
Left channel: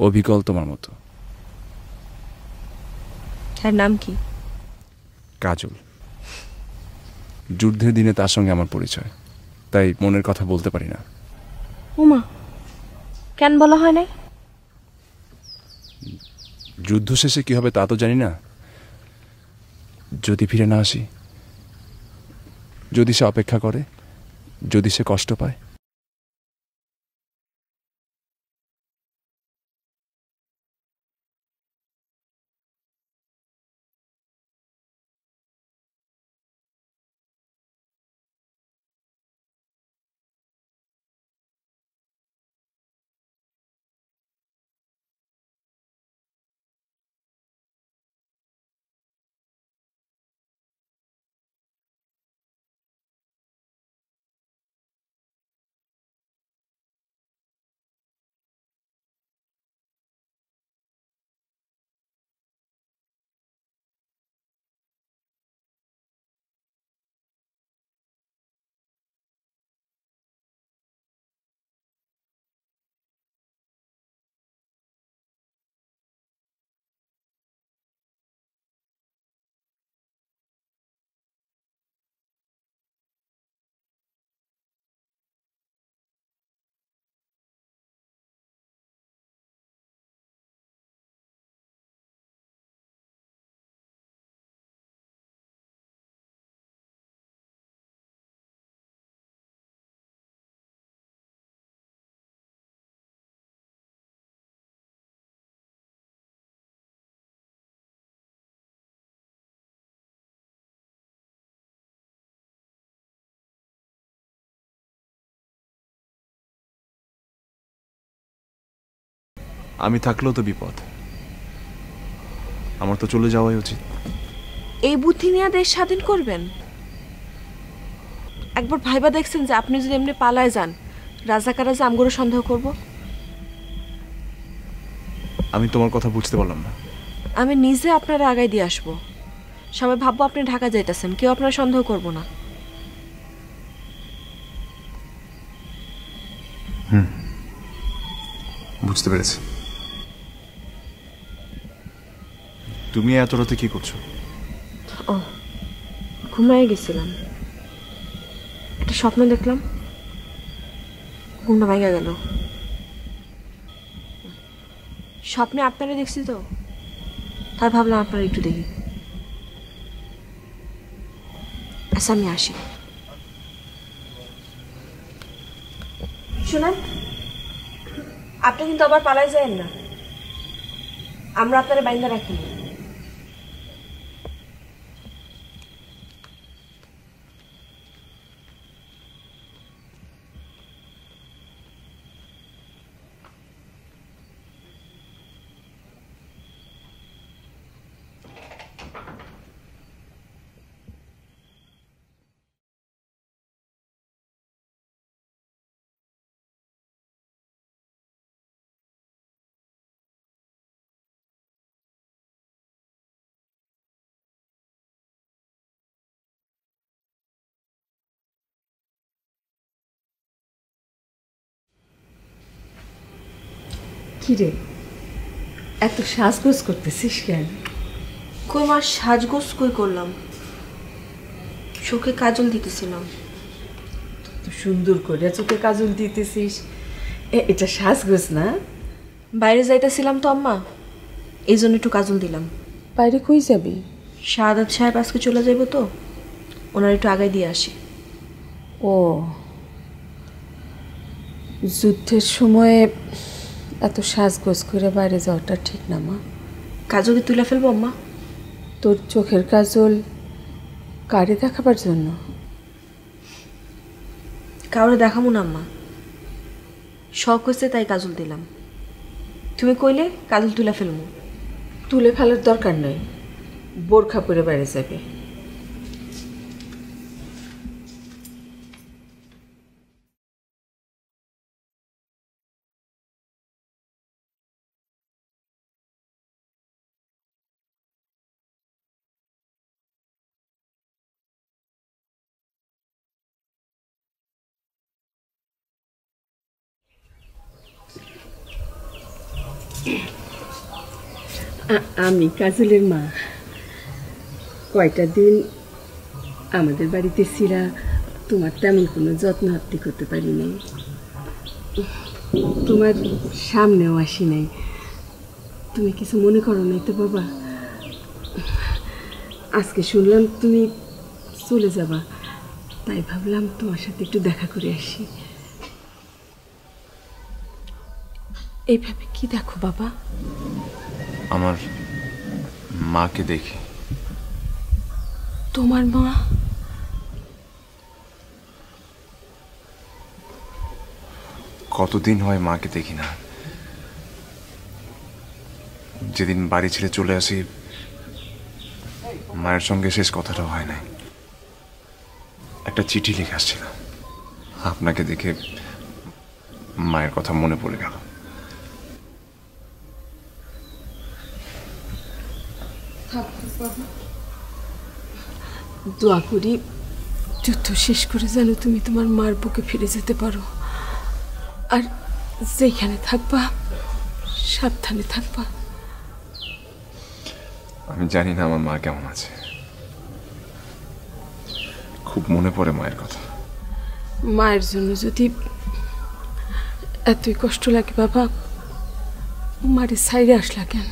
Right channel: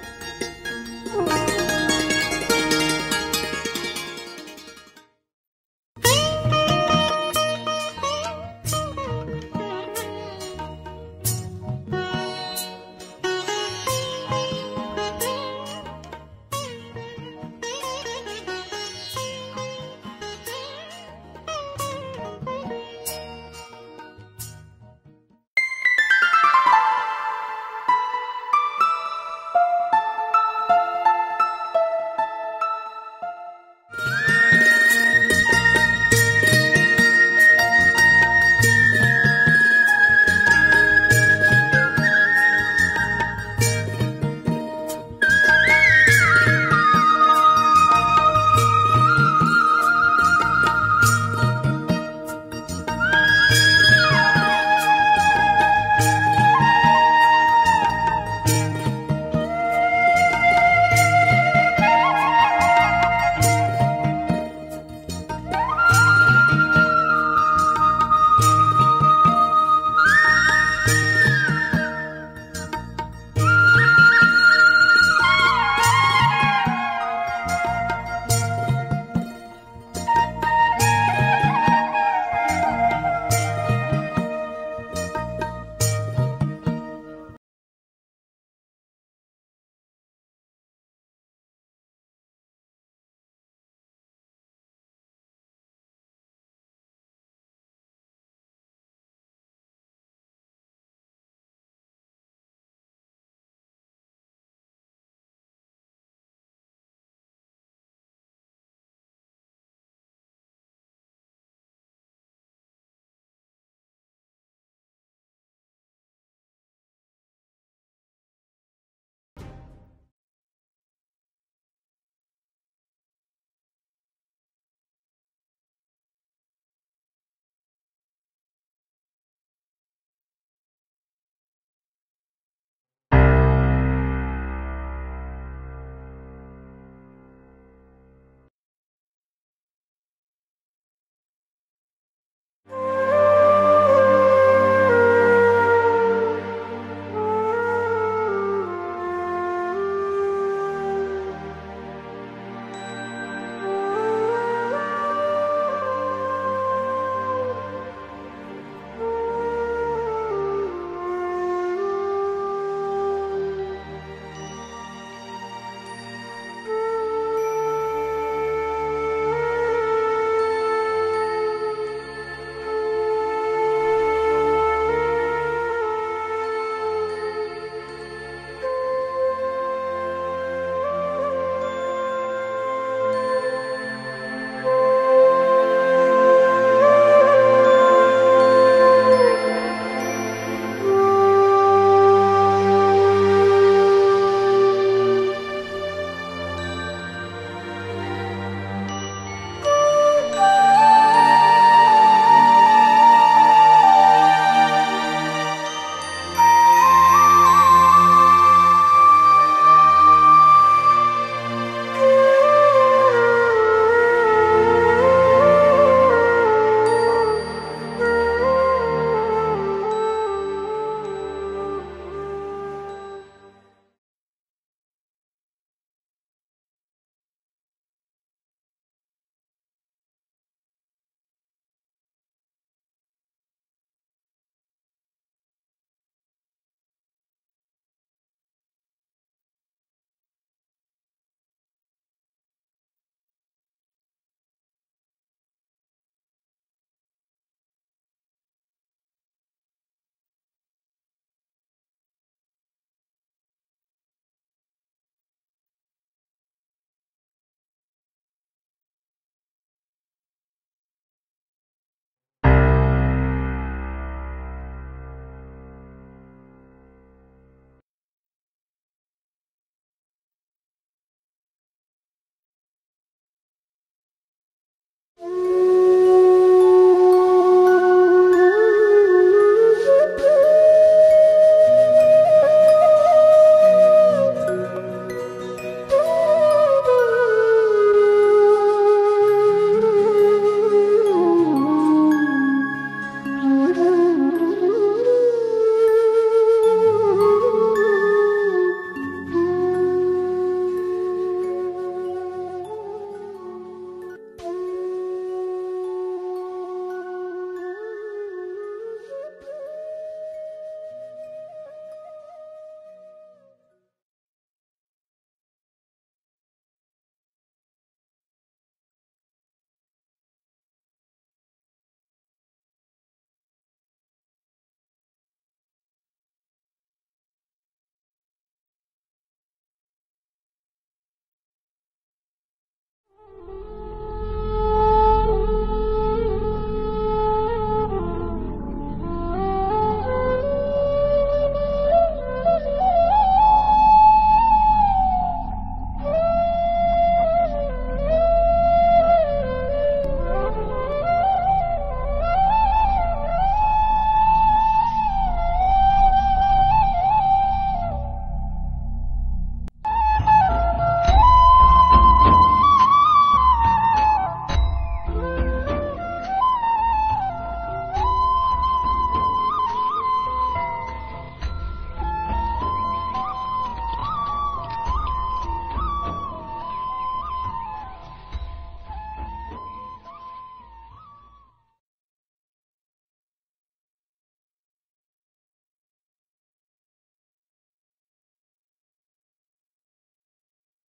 অবিকল তোমার মতো। তার নাম কি? কাজল। যুদ্ধের দিনে তার সঙ্গে আমার পরিচয়, তাই মনের কথা বলতে পারি না। উমা, কেন বলা হয় না? যুদ্ধ শেষে কি হবে তা তো জানি না। যদি ফিরে না আসি, যদি সে অপেক্ষা করে, যদি সে কষ্ট পায়, আমি থাকলেও তো বিপদ, আমার তো চলে যাওয়াই উচিত। এই বুদ্ধি নিয়ে দেশ স্বাধীন করবেন? একবার ভাইবা দেখছেন যে আপনি যদি এমনি পালায় যান, রাজাকাররা যে আমগরে সন্দেহ করব? আমি তোমার কথা বুঝতে পারলাম না। আমি নিজে আপনারা আগায় দিয়ে আসবো, সবাই ভাববো আপনি ঢাকা যাইতেছেন, কেউ আপনারা সন্দেহ করবো না। বুঝতে পেরেছি। তুমি এত রাতে কি করছো? ও, ঘুমিয়ে গেছিলাম, একটা স্বপ্ন দেখলাম, ঘুমটা ভাঙা গেল। স্বপ্নে আপনারা দেখছি তো, তাই ভাবলাম আপনারা একটু দেখি। আচ্ছা আমি আসি। শোনেন, আপনি কিন্তু আবার পালাই যায়েন না, আমরা আপনারা বাইন্দা রাখি। কিরে, এত সাজগোজ করতেছিস কেন? কই মা, সাজগোজ কই করলাম, চোখে কাজল দিতেছিলাম। তো সুন্দর করে চোখে কাজল দিতেছিস, এটা সাজগোজ না? বাইরে যাইতেছিলাম তো আম্মা, এই জন্য একটু কাজল দিলাম। বাইরে কই যাবি? শাহাদাত সাহেব আজকে চলে যাইব তো, ওনার একটু আগায় দিয়ে আসি। ও, যুদ্ধের সময়ে এত সাজগোজ করে বাইরে যাওয়াটা ঠিক না মা। কাজল তুলে ফেলবো আম্মা? তোর চোখের কাজল কারে দেখাবার জন্য? কাউরে দেখাবো না আম্মা, শখ হয়েছে তাই কাজল দিলাম। তুমি কইলে কাজল তুলে ফেলবো। তুলে ফেলার দরকার নাই, বোরখা পরে বাইরে যাবে। আমি কাজলের মা। কয়টা দিন আমাদের বাড়িতে ছিলা, তোমার তেমন কোনো যত্ন আত্তি করতে পারিনি, তোমার সামনেও আসি নাই। তুমি কিছু মনে করো নাই তো বাবা? আজকে শুনলাম তুমি চলে যাবা, তাই ভাবলাম তোমার সাথে একটু দেখা করে আসি। এইভাবে কি দেখো বাবা? আমার মাকে দেখি। তোমার মা? কতদিন হয় মাকে দেখি না। যেদিন বাড়ি ছেড়ে চলে আসি, মায়ের সঙ্গে শেষ কথাটা হয় নাই। একটা চিঠি লিখে আসছিলাম, আপনাকে দেখে মায়ের কথা মনে পড়ে গেল। দোয়া করি যুদ্ধ শেষ করে যেন তুমি তোমার মার বুকে ফিরে যেতে পারো, আর যেখানে থাকবা সাবধানে থাকবা। আমি জানি না আমার মা কেমন আছে, খুব মনে পড়ে মায়ের কথা। মায়ের জন্য যদি এতই কষ্ট লাগে বাবা, মারে সাইডে আসলা কেন?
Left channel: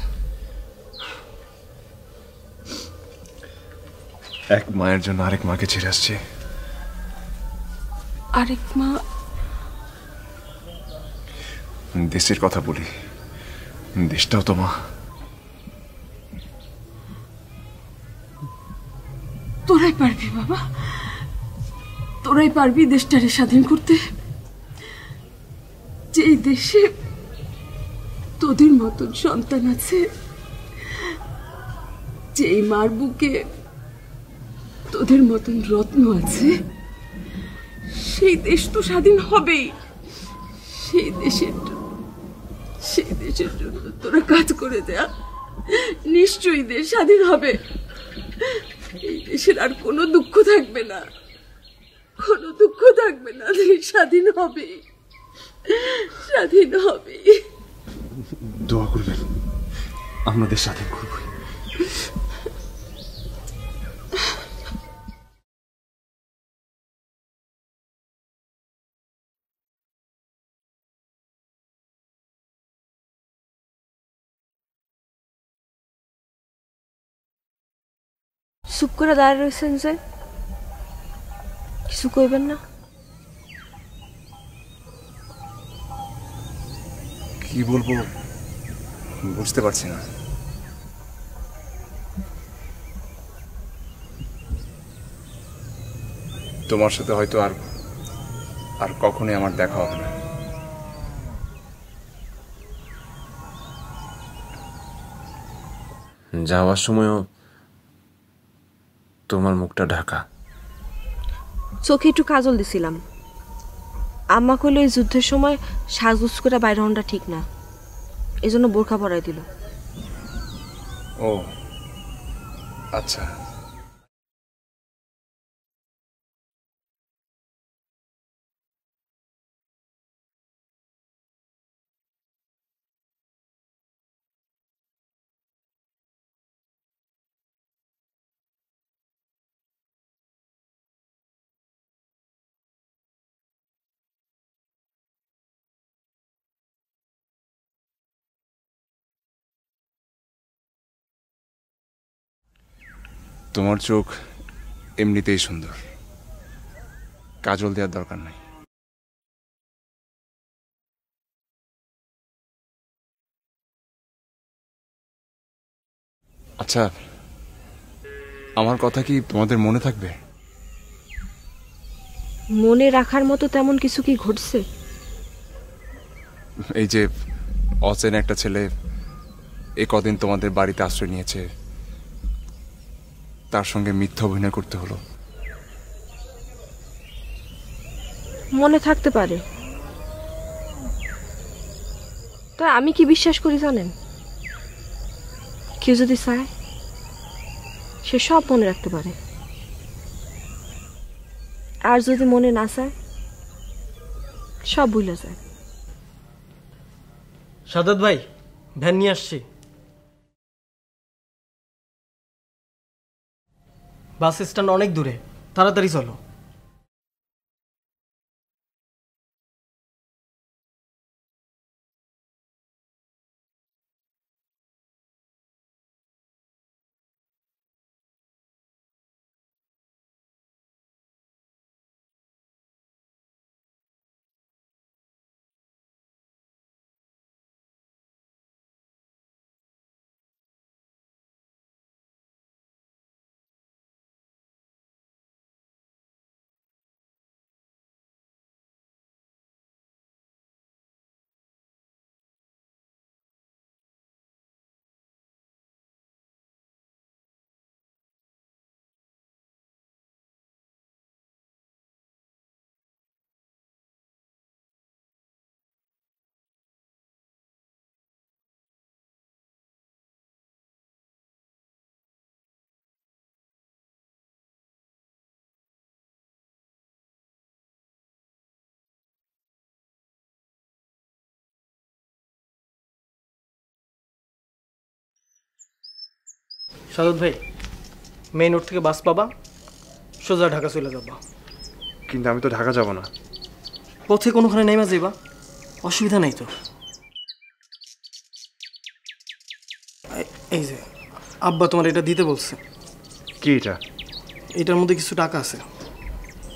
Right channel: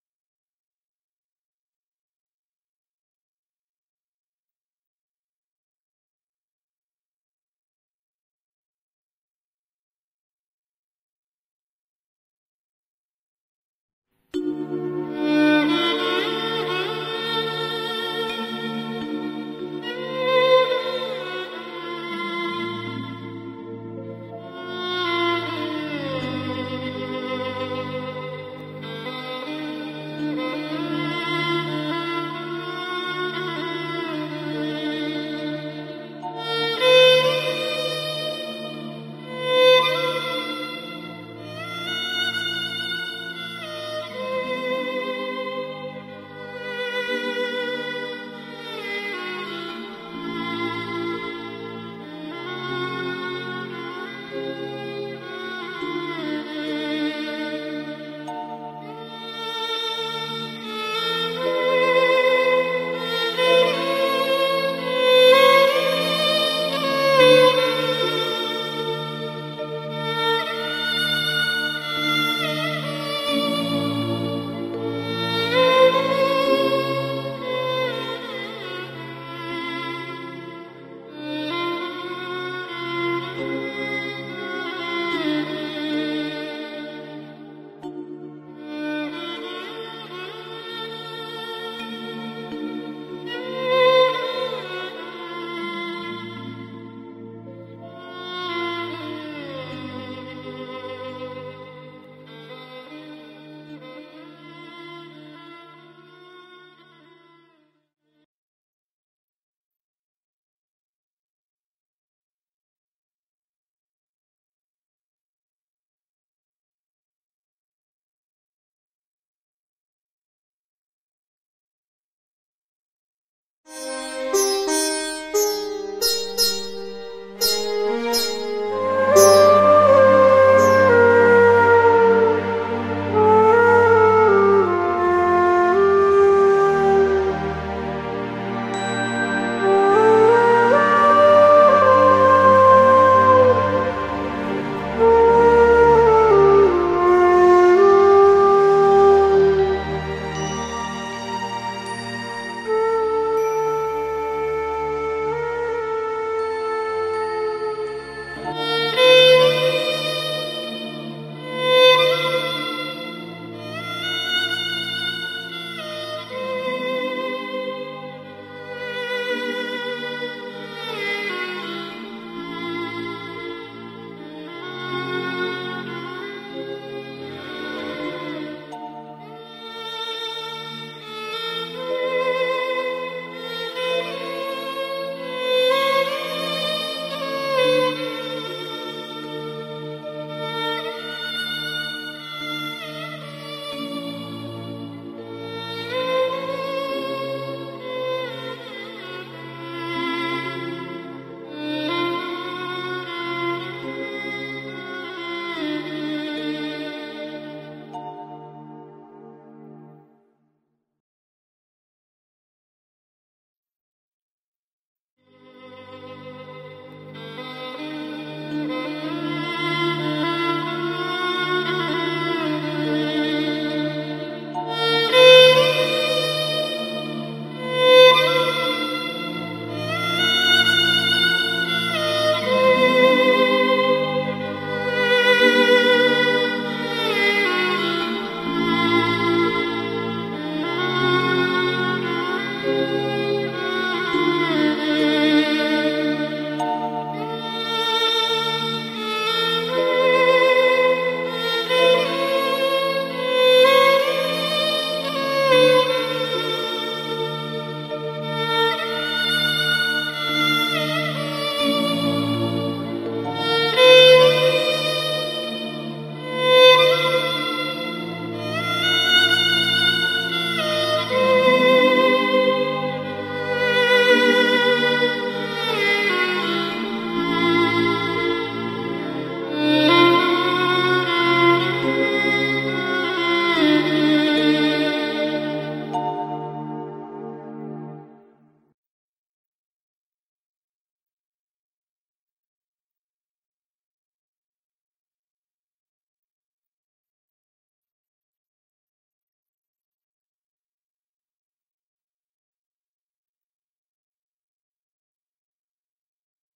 এক মায়ের জন্য আরেক মাকে ছেড়ে আসছে। আরেক মা? দেশের কথা বলি, দেশটাও তো মা। তোরাই পারবি বাবা, তোরাই পারবি দেশটারে স্বাধীন করতে, যে দেশে তোদের মতন সন্তান আছে, যেই মার বুকে তোদের মতন রত্ন আছে, সেই দেশ তো স্বাধীন হবেই। সেই দেশের জন্য তোরা কাজ করে দেয়া, নিশ্চয়ই দেশ স্বাধীন হবে। দেশের আর কোনো দুঃখ থাকবে না, কোনো দুঃখ থাকবে না। দেশ স্বাধীন হবে, স্বাধীন হবে। দোয়া করবেন আমাদের সাথে করুন। চুপ করে দাঁড়িয়ে রয়েছেন যে, কিছু কইবেন না? কি বলবো বুঝতে পারছি না। তোমার সাথে হয়তো আর কখনোই আমার দেখা হবে না। যাওয়ার সময়ও তোমার মুখটা ঢাকা। চোখে একটু কাজল দিছিলাম। আম্মা কইল এই যুদ্ধের সময় সাজগুজ করে বাইরে হনটা ঠিক না, এই জন্য বোরখা পরাই দিল। ও আচ্ছা। তোমার চোখ এমনিতেই সুন্দর, কাজল দেওয়ার দরকার নেই। আচ্ছা, আমার কথা কি তোমাদের মনে থাকবে? মনে রাখার মতো তেমন কিছু কি ঘটছে? এই যে অচেনা একটা ছেলে এই কদিন তোমাদের বাড়িতে আশ্রয় নিয়েছে, তার সঙ্গে মিথ্যা অভিনয় করতে হলো। মনে থাকতে পারে, তা আমি কি বিশ্বাস করি জানেন? কেউ যদি চায় সে সব মনে রাখতে পারে, আর যদি মনে না চায় সব ভুলে যায়। সাদত ভাই, ভ্যান নিয়ে আসছি। বাস স্ট্যান্ড অনেক দূরে, তাড়াতাড়ি চলো। সাদত ভাই, মেইন রোড থেকে বাস পাবা, সোজা ঢাকা চলে যাবা। কিন্তু আমি তো ঢাকা যাব না। পথে কোনোখানে নেমে যাইবা, অসুবিধা নাই তো। এই যে আব্বা তোমার এটা দিতে বলছে। কি এটা? এটার মধ্যে কিছু টাকা আছে,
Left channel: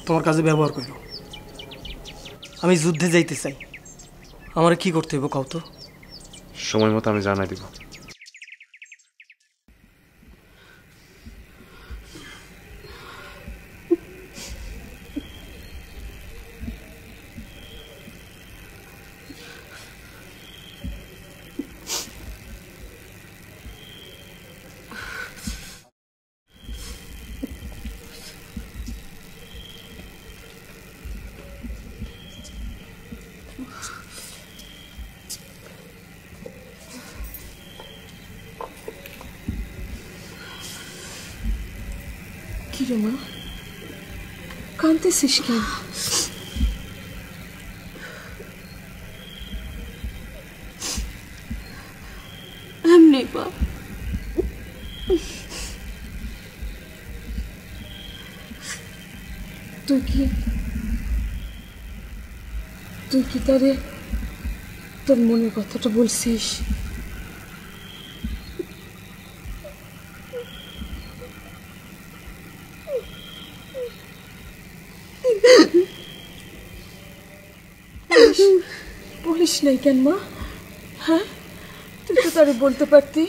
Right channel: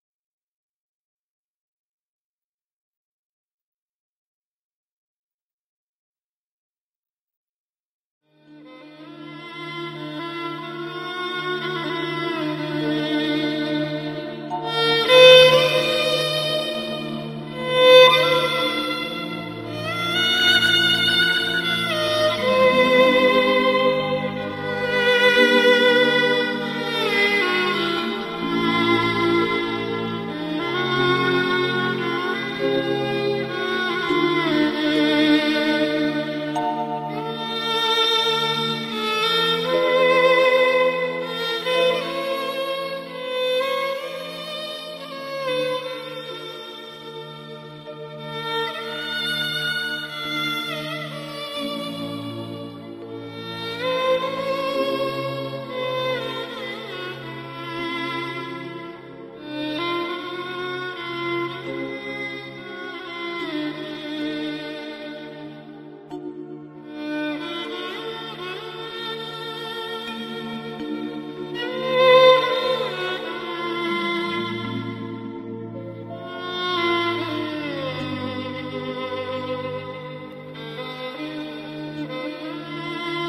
তোমার কাজে ব্যবহার করো। আমি যুদ্ধে যাইতে চাই, আমার কি করতে হইব কও তো? সময় মতো আমি জানাই দিব। কাঁদতেছিস কেন? এমনি বা তুই কি তারে তোর মনের কথাটা বলছিস? বলিস নাই কেন মা? হ্যাঁ, তুই তো তারে বলতে পারতি,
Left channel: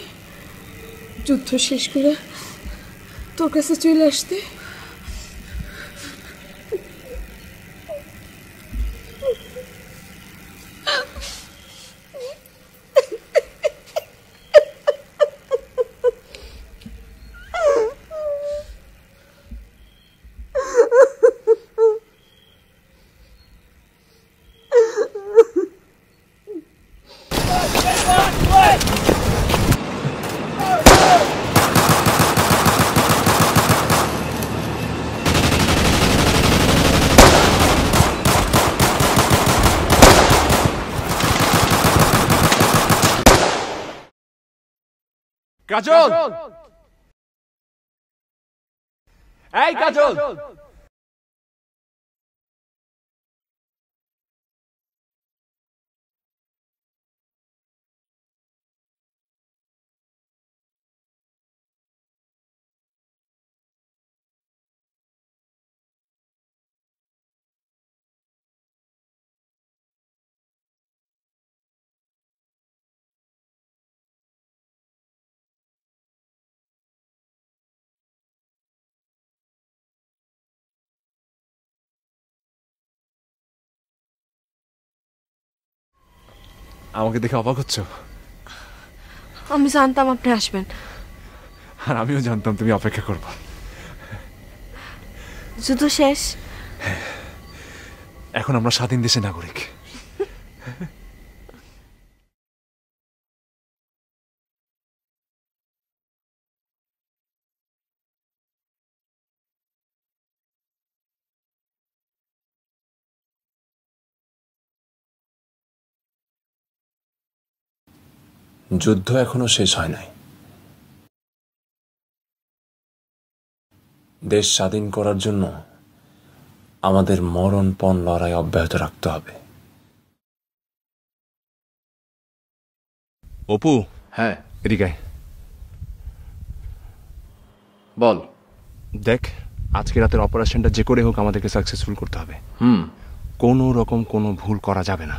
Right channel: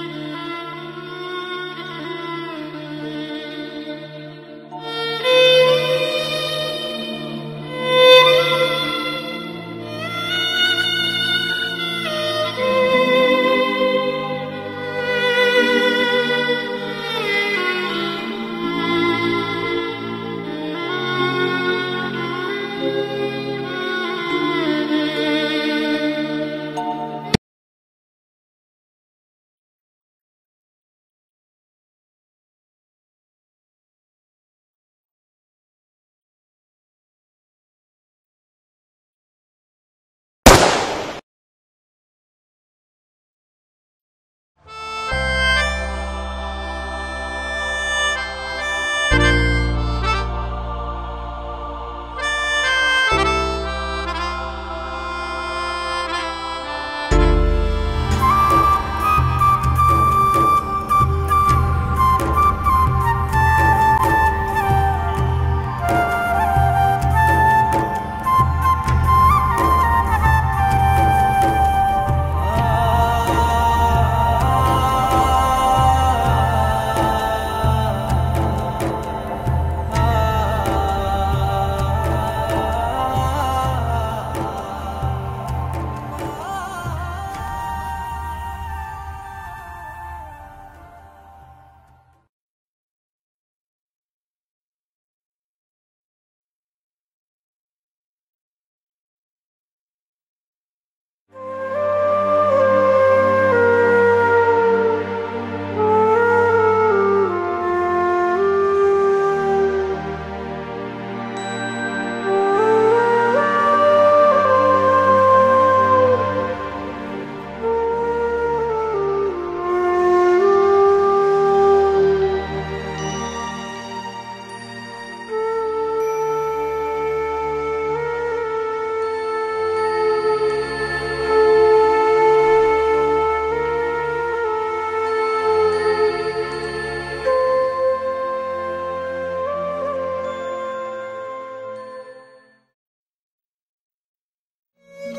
যুদ্ধ শেষ করে তোর কাছে চলে আসতে। কাজল, এই কাজল, আমাকে দেখে অবাক হচ্ছ? আমি জানতাম আপনি আসবেন, আর আমিও জানতাম তুমি অপেক্ষা করবে। যুদ্ধ শেষ, এখন আমরা স্বাধীন দেশের নাগরিক। যুদ্ধ এখনো শেষ হয়নি। দেশ স্বাধীন করার জন্য আমাদের মরণপণ লড়াই অব্যাহত রাখতে হবে। অপু, হ্যাঁ এদিকে বল। দেখ, আজকে রাতের অপারেশনটা যে করে হোক আমাদেরকে সাকসেসফুল করতে হবে। হুম, কোনো রকম কোনো ভুল করা যাবে না।